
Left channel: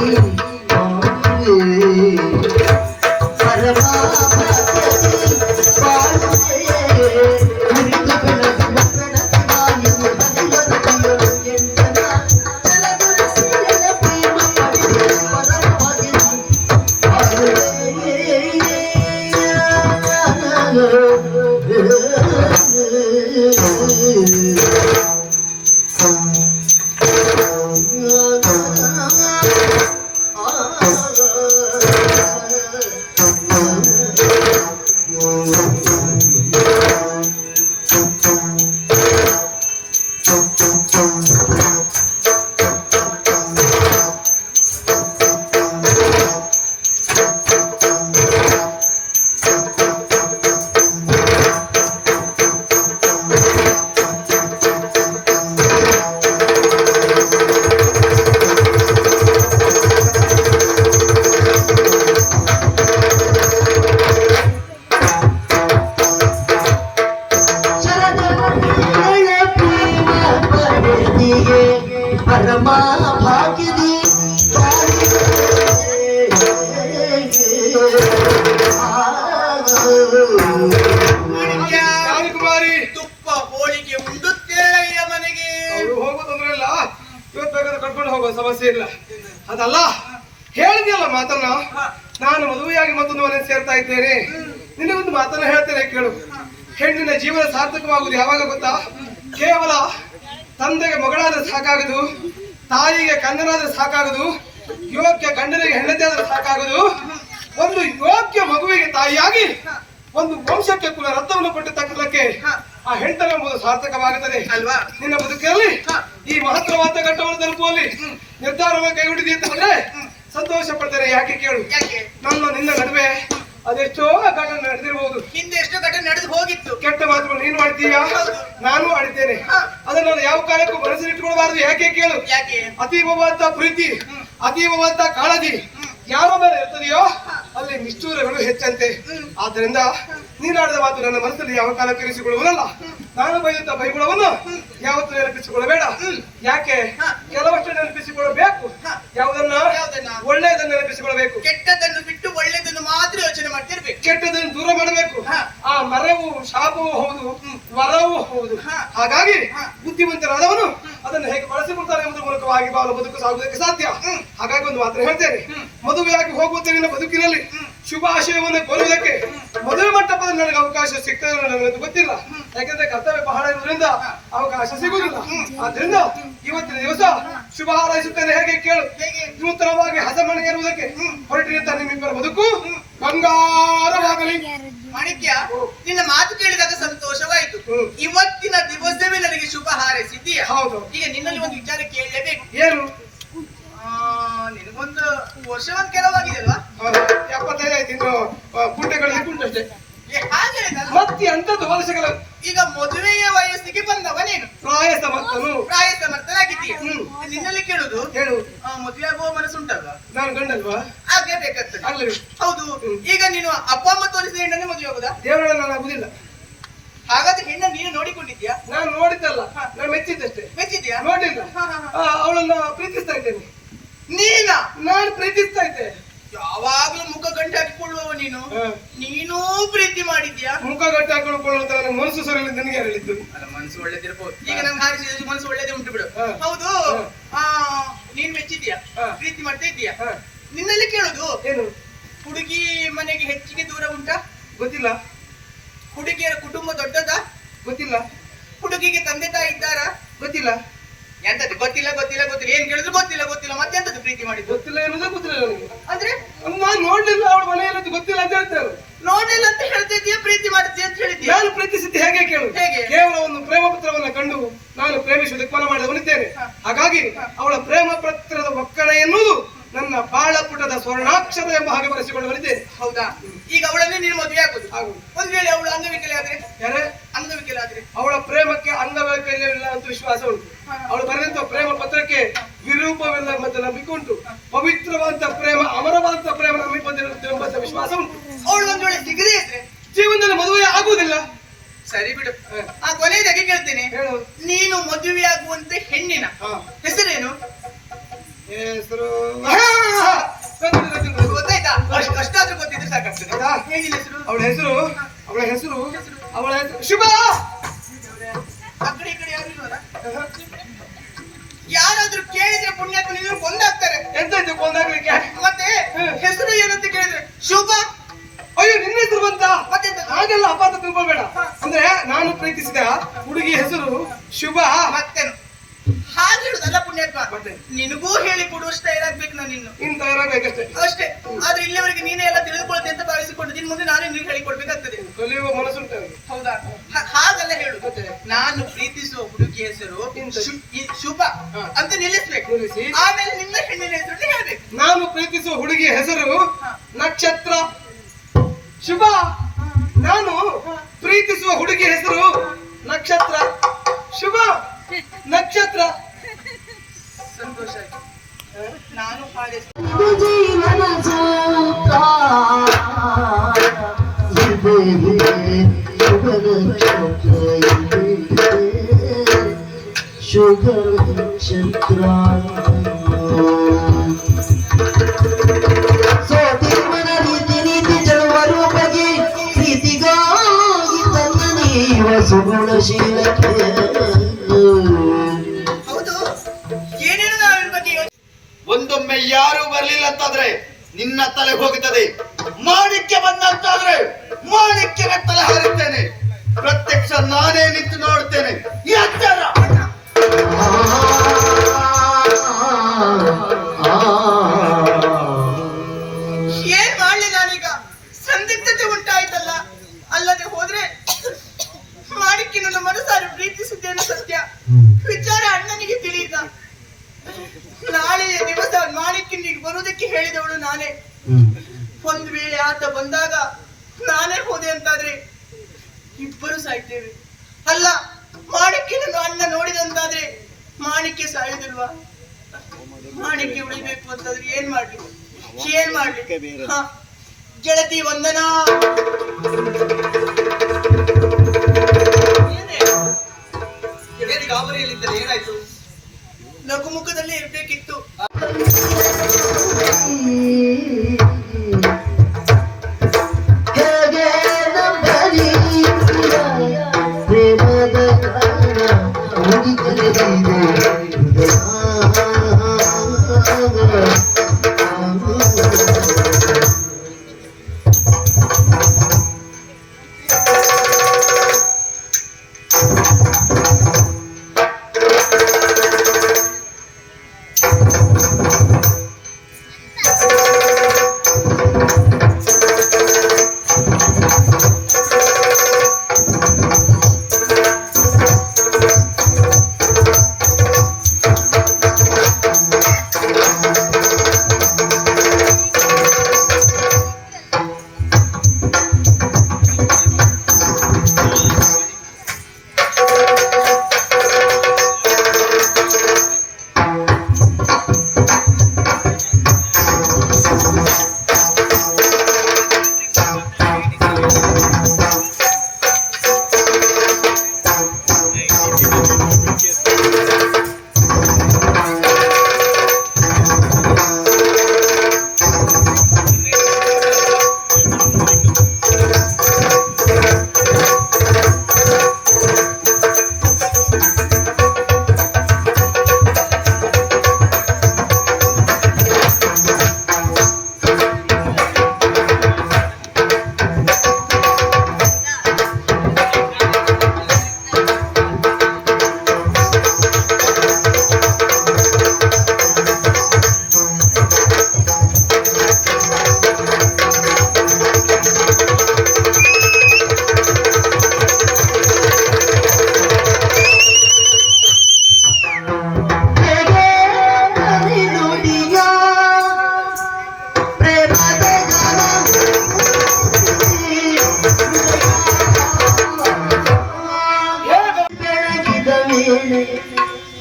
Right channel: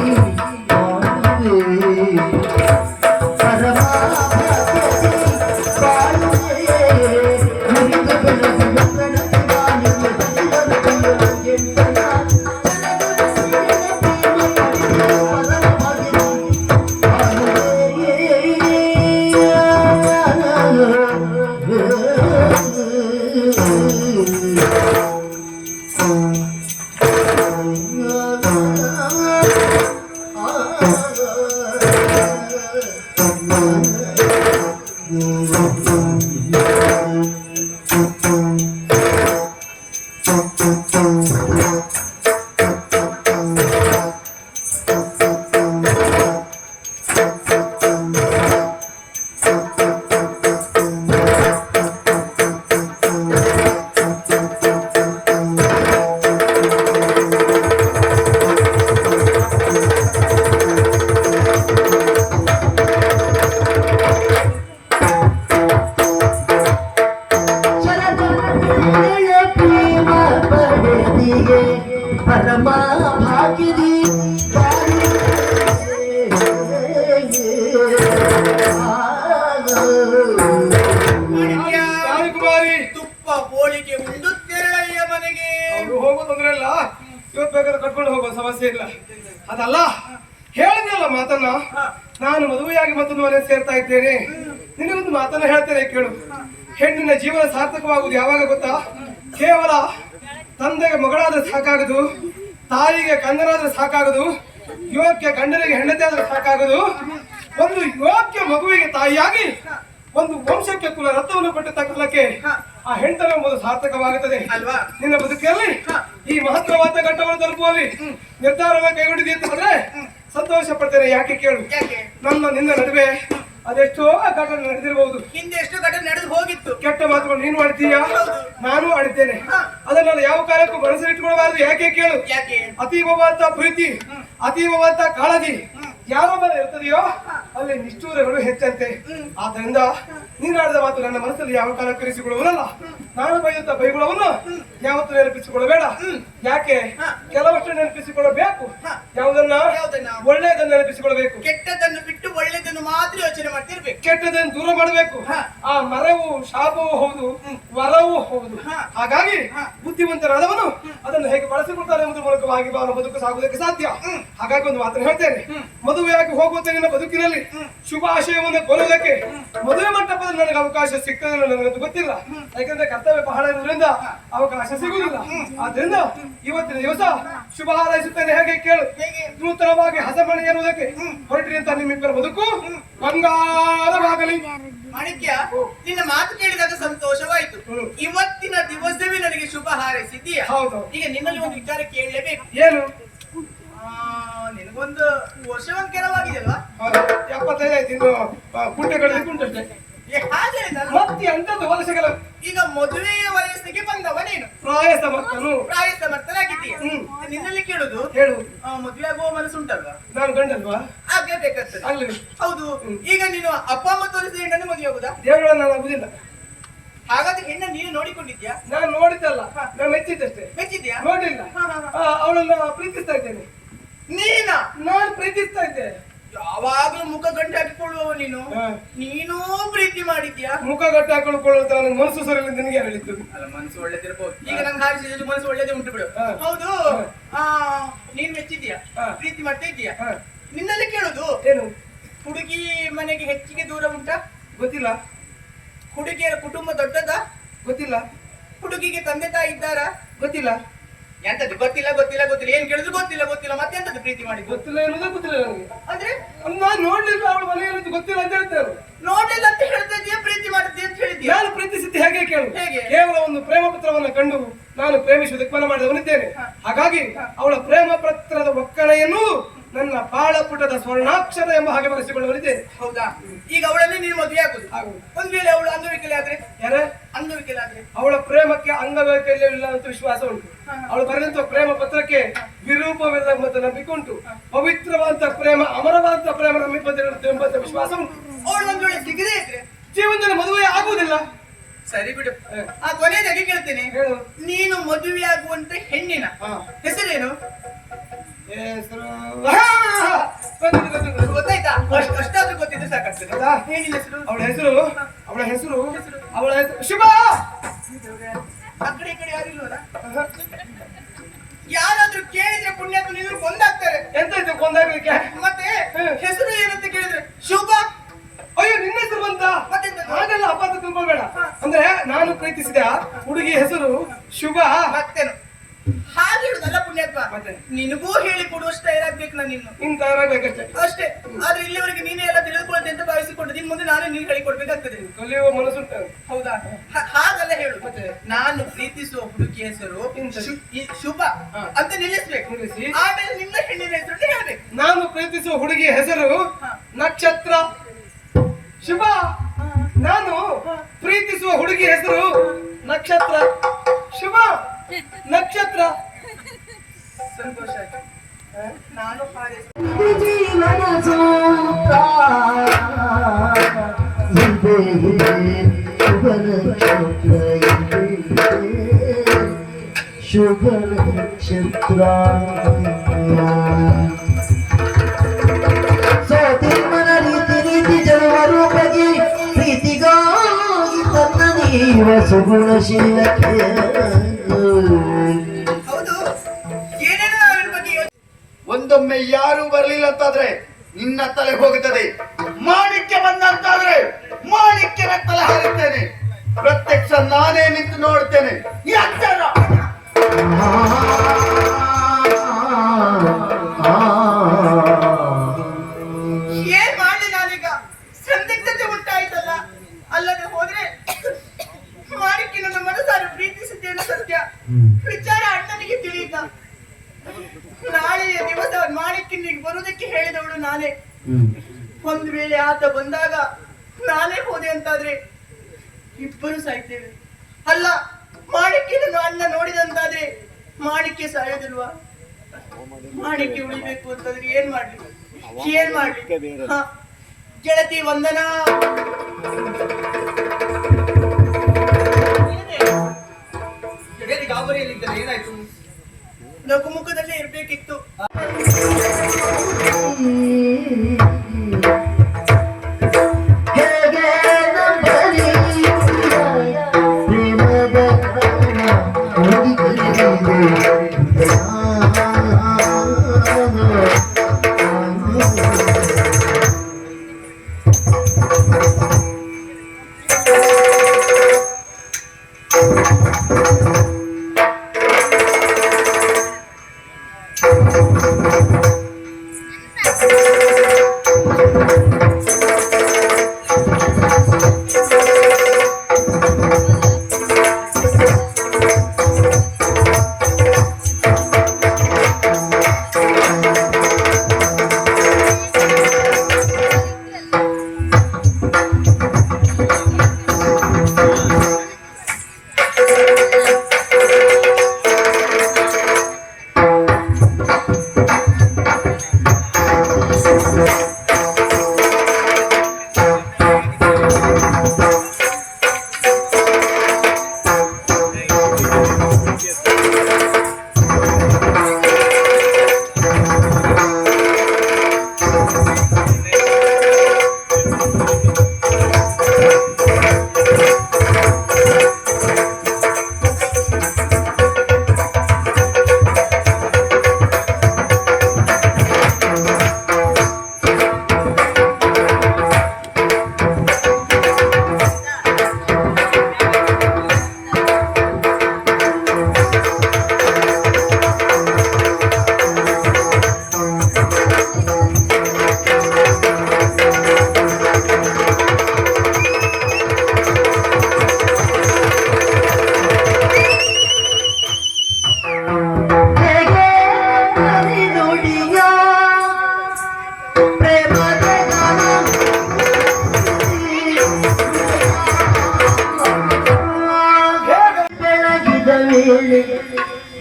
ಪರಮ ಭಾಗ್ಯದಿ ಕುಮಾರಿ ತುಪ್ಪ ಹೋಳಿಗೆ ಉಂಡು ತೆರಳಯ್ಯ ಮನೆಗೆ. ಹೋಗೋ ತೊಂದ್ರೆ ಇಲ್ಲ, ಇವತ್ತು ಬೇಕಾದ್ರೆ ಕರ್ಕೊಂಡು ಹೋಗೋ ಸಮಸ್ಯೆ ಇಲ್ಲ. ಅದಲ್ಲ, ಹೇಳಿದ್ಯಲ್ಲ ಮಾತನ್ನ, ನಾನು ಮದುವೆಯಾಗಿ ಮತ್ತೊಂದು ಮನೆ ಸೇರ್ತಾ ಇದ್ದೇನೆ. ನಿನಗೊಂದು ಮಾತನ್ನ ಹೇಳ್ತೇನೆ ಕೇಳು. ಹೆಣ್ಣಿನ ಜೀವನ ಸಾರ್ಥಕವಾಗುವುದು ಯಾವಾಗ ಗೊತ್ತಾ? ಕೇವಲ ತಂದೆಗೆ ಮಗಳಾದ್ರೆ ಸಾಕಾಗದು, ತಾಯಿಗೆ ಕಂದನಾದ್ರೆ ಸಾಕಾಗದು, ಯೋಗ್ಯ ಗಂಡನಿಗೆ ಹೆಂಡತಿ ಆದ್ರೆ ಸಾಕಾಗದು. ಒಂದು ಯೋಗ್ಯ ಮಗುವಿಗೆ ತಾಯಿಯಾಗಿ ಒಂದು ವಂಶಕ್ಕೆ ಕುಲ ರಕ್ತವನ್ನು ಕೊಟ್ಟಿದ್ದ ಕಾಲಕ್ಕೆ ಆ ಹೆಂಡನೆಂಬುದು ಸಾರ್ಥಕವಾಗುತ್ತದೆ ಅಲ್ವಾ? ನಿನ್ನ ಬದುಕಲ್ಲಿ ಈ ಮಹತ್ವವಾದ ಘಟ್ಟವನ್ನು ತಲುಪುವಲ್ಲಿ ನಿರ್ಧಾರವನ್ನು ಕೈಗೊಂಡಿದ್ದೀಯ ಅಂತಂದ್ರೆ ಸಂತೋಷ ಪಡ್ತೇನೆ. ಯಾಕೆ ಕೇಳು, ಯಾಕೆ? ನಮ್ಮ ನಿನ್ನ ನಡುವೆ ಅದೆಷ್ಟೋ ಘಟನೆ ನಡೆದಿರಬಹುದು. ಹಿಂದೆ ಎಷ್ಟು ಘಟನೆ ನಡೆದು ಹೋಗಿತ್ತು. ಕೆಟ್ಟ ಮಾತುಗಳು ನೀನು ಆಡ್ತೀಯ, ನಾನು ಆಡಿದ್ದೇನೆ. ಅದನ್ನ ನಾನು ಯಾವ ಕಾಲಕ್ಕೂ ಮನಸ್ಸಲ್ಲಿಟ್ಟುಕೊಳ್ಬಾರ್ದು. ಯಾಕೆ ಕೇಳು, ಯಾಕೆ? ಅತೀವವಾದ ಪ್ರೀತಿ, ಅತೀವವಾದ ಕಾಳಜಿ, ಯಾವ ಮೇಲೆ ಇರ್ತದೆಯೋ ಅಲ್ಲಿ ನಿಷ್ಠೂರಗಳು ಹೆಚ್ಚಂತೆ. ಆದ್ದರಿಂದ ನೀನಾಡಿದ ಮಾತು ನನ್ನ ಮನಸ್ಸಲ್ಲಿ ಯಾವ ಕಾಲ ಇರಿಸಿಕೊಳ್ಳುವುದಲ್ಲ. ನಾನು ಬೈಯುತ್ತ ಬೈಗುಳವನ್ನು ಯಾವತ್ತೂ ನೆನಪಿಸಿಕೊಳ್ಳಬೇಡ. ಯಾಕೆ ಕೆಲವಷ್ಟು ನೆನಪಿಸಿಕೊಳ್ಳಬೇಕು. ಯಾವುದನ್ನ ಒಳ್ಳೆಯದನ್ನು ನೆನಪಿಸಿಕೊಳ್ಳಬೇಕು. ಕೆಟ್ಟದನ್ನು ಬಿಟ್ಟು ಒಳ್ಳೆಯದನ್ನು ಮಾತ್ರ ಯೋಚನೆ ಮಾಡ್ತಿರ್ಬೇಕು. ಕೆಟ್ಟದನ್ನು ದೂರ ಮಾಡಬೇಕು. ಆ ಮರವು ಶಾಪವೂ ಹೌದು, ವರವೂ ಹೌದು. ಹಾಗಾಗಿ ಬುದ್ಧಿವಂತರಾದವನು ಅದನ್ನು ಹೇಗೆ ಬಳಸಿಕೊಳ್ತಾನೆ ಎಂಬುದರ ಮೂಲಕವಾಗಿ ಅವನ ಬದುಕು ಸಾಗುವುದಕ್ಕೆ ಸಾಧ್ಯ. ಹಾಗಾಗಿ ಒಂದು ಮಾತ್ರ ಹೇಳ್ತೇನೆ, ಮದುವೆಯಾಗಿ ಹೋಗುವಂತೆ ನಿನ್ನ ಬದುಕಿನಲ್ಲಿ ಶುಭಾಶಯವನ್ನು ಕೋರುವುದಕ್ಕೆ ಮದುವೆ ಮಂಟಪದಲ್ಲಿ ನನಗೆ ಅವಕಾಶ ಸಿಗ್ತದೆ ನನಗೆ ಗೊತ್ತಿಲ್ಲ. ಯಾಕಂದ್ರೆ ಕರ್ತವ್ಯ ಬಹಳ ಇರುವುದರಿಂದ ಅವಕಾಶ ಸಿಗುವುದಿಲ್ಲ. ಆದ್ರಿಂದ ಇವತ್ತಿನ ದಿವಸ ಶುಭ ಹಾರೈಸುತ್ತೇನೆ. ಹೇಗೆ ಕೇಳು, ನೂತನವಾಗಿ ಹಸಮಣೆ ಏರುವುದಕ್ಕೆ ಹೊರಟಿರುತ್ತ ನಿಮ್ಮಿಬ್ಬರ ಬದುಕು ಬಂಗಾರವಾಗಲಿ. ಮಾಣಿಕ್ಯ, ನಿನ್ನ ಮಾತು ಕೇಳಿದಾಗ ಸಂತೋಷವಾಯಿತು. ಇವತ್ತಿನ ದಿವಸವೇ ನನಗೆ ಶುಭ ಹಾರೈಸಿದ್ದೀಯ. ಹೌದು. ಈಗ ನಿನ್ನಲ್ಲಿ ಒಂದು ವಿಚಾರ ಕೇಳಲೇಬೇಕು. ಏನು? ನಿನಗೊಂದು ವರ್ಷವಂತ ಕೆಲವಾಗಿದೆ ಅಲ್ವಾ? 75 ಆಯ್ತು. ಇನ್ನು ಕುಂಟೆಗಳಿಗೆ ಕುಂಟಷ್ಟೇ. ಹಾಗೆ ಮತ್ತೆ ಅಂತದ್ದು ವರ್ಷಗಳ ಈಗ ಮದುವೆಯ ವಯಸ್ಸಿಗೆ ಬಂದವ ನೀನು, ಪ್ರಾಯ ಸಮರ್ಥನಾಗಿದ್ದೀಯ. ನಿನ್ನಲ್ಲಿ ಕೇಳುದು, ಹೇಳು, ಮದುವೆ ಆಗುವ ಮನಸ್ಸುಂಟಲ್ವಾ? ನಾನು ಗಂಡಲ್ವಾ? ಹಾಗೆ ಬೇಕಾಗ್ತದೆ. ಅಲ್ಲಿ ಹೌದು. ಈಗ ನೀನು ಅಪ್ಪ ಅಮ್ಮ ತೋರಿಸಿದ ಹೆಣ್ಣನ್ನು ಮದುವೆ ಆಗುದಾ? ದೇವರನ್ನ ನಾನು ಆಗುದಿಲ್ಲ. ಹಾಗಾದ್ರೆ ಹೆಣ್ಣ ನೀನು ನೋಡಿಕೊಂಡಿದ್ಯಾ? ನಾನು ನೋಡಿದ್ದಲ್ಲ, ನಾನು ಮೆಚ್ಚಿದ್ದಷ್ಟೇ. ಮೆಚ್ಚಿದ್ಯಾ? ನೋಡಿಲ್ಲ. ಅವಳನ್ನ ಪ್ರೀತಿಸ್ತಾ ಇದ್ದೇನೆ. ನೀನಾ? ನಾನು ಪ್ರೀತಿಸ್ತಾ ಇದ್ದೆ. ಯಾವಾಗ್ಲೂ ಮುಖ ಗಂಟೆ ಹಾಕಿಕೊಳ್ಳುವವ ನೀನು. ನೀನೂ ಪ್ರೀತಿ ಮಾಡಿದ್ಯಾ? ಮುಖ ಗಟ್ಟಿ ಹಾಕೊಳ್ಳುವಂತ ನನ್ನ ಮನಸ್ಸು ಸರಿಯಲ್ಲಿ ನಿನಗೆ ಹೇಳಿದ್ದು. ಅಲ್ಲ, ಮನಸ್ಸು ಒಳ್ಳೇದಿರ್ಬೋದು. ಈಗ ನಂಗೆ ಹಾರಿಸಿದ್ದು ಮನಸ್ಸು ಒಳ್ಳೇದೇ ಉಂಟು ಬಿಡು. ಹೌದು. ನೀನ್ ಮೆಚ್ಚಿದ್ಯಾ? ಪ್ರೀತಿ ಮಾಡ್ತಾ ಇದ್ದೀಯಾ? ನಿನ್ನಲ್ಲಿ ಕೇಳುದು, ಏನು ಹುಡುಗಿ ಮನೆಗೆ ಹೆಚ್ಚಿಗೆ ದೂರ ಉಂಟಾ? ಗೊತ್ತಿಲ್ಲ. ಹುಡುಗಿಯರ ಕುಟುಂಬ ದೊಡ್ಡದಾ? ಗೊತ್ತಿಲ್ಲ. ಹುಡುಗಿಗೆ ತಂದೆ ತಾಯಿ ಇದ್ದಾರಾ? ಗೊತ್ತಿಲ್ಲ. ಎಂತದ್ದು ಗೊತ್ತಿಲ್ಲ ಗೊತ್ತಿಲ್ಲ ಗೊತ್ತಿಲ್ಲ? ಏನ್ ಕೇಳಿದ್ರು ಗೊತ್ತಿಲ್ಲ ಗೊತ್ತಿಲ್ಲ. ಮತ್ತೆಂತದ್ದು ಪ್ರೀತಿ ಮಾಡಿದ್ದು? ಗೊತ್ತಿಲ್ಲ ಎನ್ನುವುದೇ ಗೊತ್ತಿಲ್ಲ ನನಗೆ. ಅಂದ್ರೆ ನಾನು ನೋಡ್ಲಿಲ್ಲ, ಅವಳ ಮನೆಯಲ್ಲಿ ಗೊತ್ತಿಲ್ಲ ಅಂತ ಹೇಳ್ತೇವೆ. ನೋಡಿಲ್ಲ ಅಂತ ಹೇಳ್ತಾ ಇದೀಯ, ಪ್ರೀತಿ ಮಾಡಿದ್ಯಾ ಅಂತ ಹೇಳಿದ್ಯಾ? ನಾನು ಪ್ರೀತಿಸಿದ್ದು ಹೇಗೆ ಕೇಳು. ಹೇಗೆ? ಕೇವಲ ಒಂದು ಪ್ರೇಮ ಪತ್ರವನ್ನ ಕಂಡು ನಾನು ಪ್ರೇಮಿಸುವುದಕ್ಕೆ ಮನ ಮಾಡಿದವನಿದ್ದೇನೆ. ಹಾಗಾಗಿ ಅವಳ ಪ್ರೇಮ ಪತ್ರದ ಒಕ್ಕಣೆಯನ್ನು ನನ್ನ ಬಾಳ ಪುಟದ ಸ್ವರ್ಣಾಕ್ಷರ ಎಂಬ ಹಾಗೆ ಬರೆಸಿಕೊಳ್ಳುವನಿದ್ದೇನೆ. ಹೌದಾ? ಈಗ ಅವಳನ್ನೇ ನೀನು ಮದುವೆ ಆಗುದು. ಒಂದ್ ವೇಳೆ ಅವಳು ಅಂಗವಿಕಲೆ ಆದ್ರೆ? ಯಾರೇ ಅಂಗವಿಕಲೆ ಆದ್ರೆ? ಅವಳ ಪ್ರೇಮಕ್ಕೆ ಅಂಗವೈಕಲ್ಯವಿಲ್ಲ ಅಂತ ವಿಶ್ವಾಸ ಉಂಟು. ಅವಳು ಬರೆದಂತ ಪ್ರೇಮ ಪತ್ರಕ್ಕೆ ವಿರೂಪವಿಲ್ಲ ಮತ್ತು ನಂಬಿಕೆ ಉಂಟು. ಪವಿತ್ರವಾದ ಪ್ರೇಮ, ಅಮರವಾದ ಪ್ರೇಮ ನಂಬಿಕೆ ವಿಶ್ವಾಸ ಉಂಟು. ಅವಳು ಒಂದ್ ವೇಳೆ ಸಿಗದೇ ಇದ್ರೆ ಜೀವನದಲ್ಲಿ ಮದುವೆ ಆಗುವುದಿಲ್ಲ. ಸರಿ ಬಿಡು. ಆ ಕೊನೆಯದಾಗಿ ಕೇಳ್ತೇನೆ, ಹೇಳು. ನೀನು ಮದುವೆ ಆಗುವಂತೆ ಹೆಣ್ಣಿನ ಹೆಸರೇನು? ಹೆಸರು ಗೊತ್ತಾಯ್ತಾ? ಅಷ್ಟಾದ್ರೂ ಗೊತ್ತಿದ್ರೆ ಸಾಕಾಗ್ತದೆ. ಹೆಣ್ಣಿನ ಹೆಸರು? ಅವಳ ಹೆಸರು ಶುಭ. ಆ ಕಡೆ ಈ ಕಡೆ ಯಾರು ಇಲ್ವಲ್ಲ? ಯಾರಾದ್ರೂ ಕೇಳಿದ್ರೆ ಪುಣ್ಯಾತ್ಮ ನಿನ್ನ ಕೊಂದಾಗ್ತಾರೆ. ಎಂತಾಯ್ತು ಕೊಂದಾಗ್ಲಿಕ್ಕೆ? ಮತ್ತೆ ಹೆಸರು ಏನಂತ ಕೇಳಿದ್ರೆ ಶುಭ. ಅಯ್ಯೋ, ನಿನ್ನ ಹೆಸರು ಬಂತ? ಹಾಗೆಲ್ಲ ಅಪಾರ್ಥ ತಿಳ್ಕೊಳ್ಬೇಡ. ಅಂದ್ರೆ ನಾನು ಪ್ರೀತಿಸಿದ ಹುಡುಗಿ ಹೆಸರು ಶುಭ. ಮತ್ತೇನು ಹಾಗೆ ಹೇಳುದಲ್ಲ ಪುಣ್ಯಾತ್ಮ? ನಿನಗೂ ಹೇಳಿ ಕೊಡುವಷ್ಟು ತಯಾರಾಗ್ಬೇಕು ನಾನು ಇನ್ನು. ಇನ್ ತಯಾರಾಗ್ಬೇಕಷ್ಟೇ. ಅಷ್ಟೇ. ಆದ್ರೆ ಇಲ್ಲಿವರೆಗೆ ನೀನೇ ಎಲ್ಲ ತಿಳಿದುಕೊಳ್ಳುತ್ತೆ ಅಂತ ಭಾವಿಸಿಕೊಂಡು ಇನ್ ಮುಂದೆ ನಾನೇ ನೀನು ಹೇಳಿಕೊಡ್ಬೇಕಾಗ್ತದೆ. ಕಲಿಯುವ ಮನಸ್ಸುಂಟ. ಹೌದಾ? ಹಾಗಲ್ಲ ಹೇಳು. ನಾನು ಪ್ರೀತಿಸುವ ಹುಡುಗಿ ಹೆಸರು ಶುಭ ಅಂತ ನಿಲ್ಲಿಸ್ಬೇಕು. ಆಮೇಲೆ ನಿನ್ನ ಹೆಣ್ಣಿನ ಹೆಸರು ಹೇಳ್ಬೇಕು. ನಾನು ಪ್ರೀತಿಸುವ ಹುಡುಗಿ ಹೆಸರು ನಕ್ಷತ್ರ. ಶುಭ. ನಾನು ಪ್ರೀತಿಸುವ ಹುಡುಗಿ ಹೆಸರು ನಕ್ಷತ್ರ. ಶುಭ ನಕ್ಷತ್ರ. ಸಂತೋಷ ಆಯ್ತು. ನಾನು ಶುಭ ನಕ್ಷತ್ರ. ಸೋತಿರ್ಮನ ರೀತಿ ನೀತಿ ಜಲವರು ಬಗೆ ಪ್ರೀತಿಗಾಗಿ ತನ್ನ ನೀವ ಸುಗುಣಶೀಲಕ್ಕೆ. ಒಂದೊಮ್ಮೆ ಯಾರು ಬರ್ಲಿಲ್ಲ ಅಂತಾದ್ರೆ ನಿನ್ನ ತಲೆ ಹೋಗುತ್ತದೆ. ಮಾಣಿಕ್ಯ ಬಂದಂತಾದ್ರೆ ಮಾಣಿಕ್ಯನ ತಲೆ ಹಾರುತ್ತೇನೆ. ಪ್ರತ್ಯಕ್ಷ ನಾನೇ ನಿಂತು ನೋಡ್ತೇನೆ. ಎಚ್ಚರ. ಏನ್ ಮಾಡ್ಲಿ ನಾನೀಗ? ಸಂದಿಗ್ಧತೆ ಉಂಟಾಯ್ತಲ್ಲ. ಅಲ್ಲದೆ ಹೋದ್ರೆ ಮಾಣಿಕ್ಯ ನನ್ನ ಮನಸಾರಿ ಪ್ರೀತಿಸಿದ್ದೇನೆ ಸತ್ಯ. ವಿಚಾರ ಅಣ್ಣನಿಗೆ ತಿಳಿಯಿತ. ನಾಳೆ ದಿವಸ ಮಾಣಿಕ್ಯನಿಗೆ ಬರುವುದಕ್ಕೆ ಹೇಳಿದವಳು ನಾನೇ. ಒಂದು ವೇಳೆ ಆತ ಬಂದಾಗ ನಾನೇ ಹೋದೆ ಅಂತಾದ್ರೆ ಇಬ್ಬರು ಸಾಯ್ತೇವೆ. ಅಲ್ಲ, ಮಾಣಿಕ್ಯನನ್ನು ಅಣ್ಣ ನೋಡಿದಂತಾದ್ರೆ ಮಾಣಿಕ್ಯ ಸಾಯೋದಿಲ್ವಾ? ಮಾಣಿಕ್ಯ ಉಳಿಬೇಕು ಅಂತಂದ್ರೆ ಏನ್ ಮಾಡ್ಲಿ? ಏನ್ ಮಾಡ್ಲಿ ಹ, ಗೆಳತಿ ವಂದನಾ. ಏನು ಗಾಬರಿಯಲ್ಲಿದ್ದರೆ ಏನಾಯ್ತು? ನಗುಮುಖದಲ್ಲೇ ಇರ್ಬೇಕಿತ್ತು. ಹೇಗೆ ಬಲಿ ಪ್ರೇಮದ ಹೋಗಿ ಕಲಿದೆ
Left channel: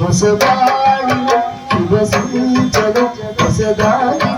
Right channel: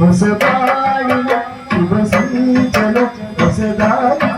ಹೊಸದಾಗಿ ಶುಭ ಸೂಚನ ಹೊಸದಾಗಿ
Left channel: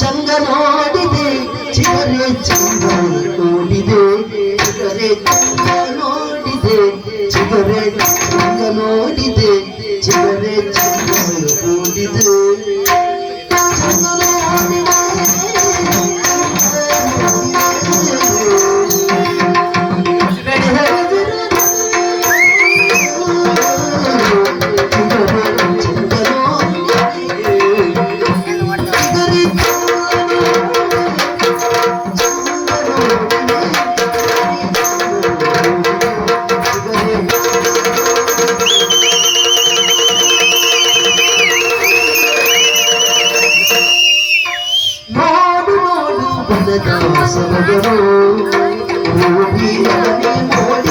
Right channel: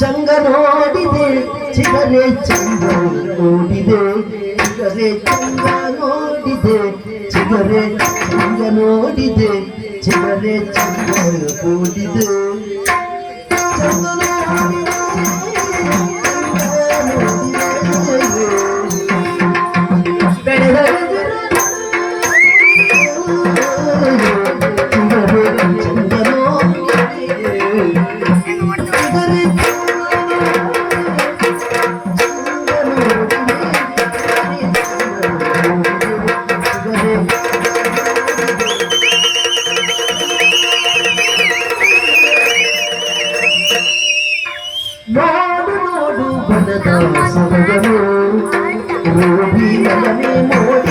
ಚಂಗ ನೋಡಿದೆ ಚಿಗರೆ ಚಂಗ ನೋಡಿದೆ ಚಿಗರೆ ಚಂಗ ನೋಡಿದೆ ಚಿಗರೆ ಚಂಗ ನೋಡಿದೆ ಚಿಗರೆ ಚಂಗ ನೋಡಿದೆ ನೋಡು ನೋಡು ಬನದ ಸೊಬಗರು ರೋಗಿ ನೋಡಿ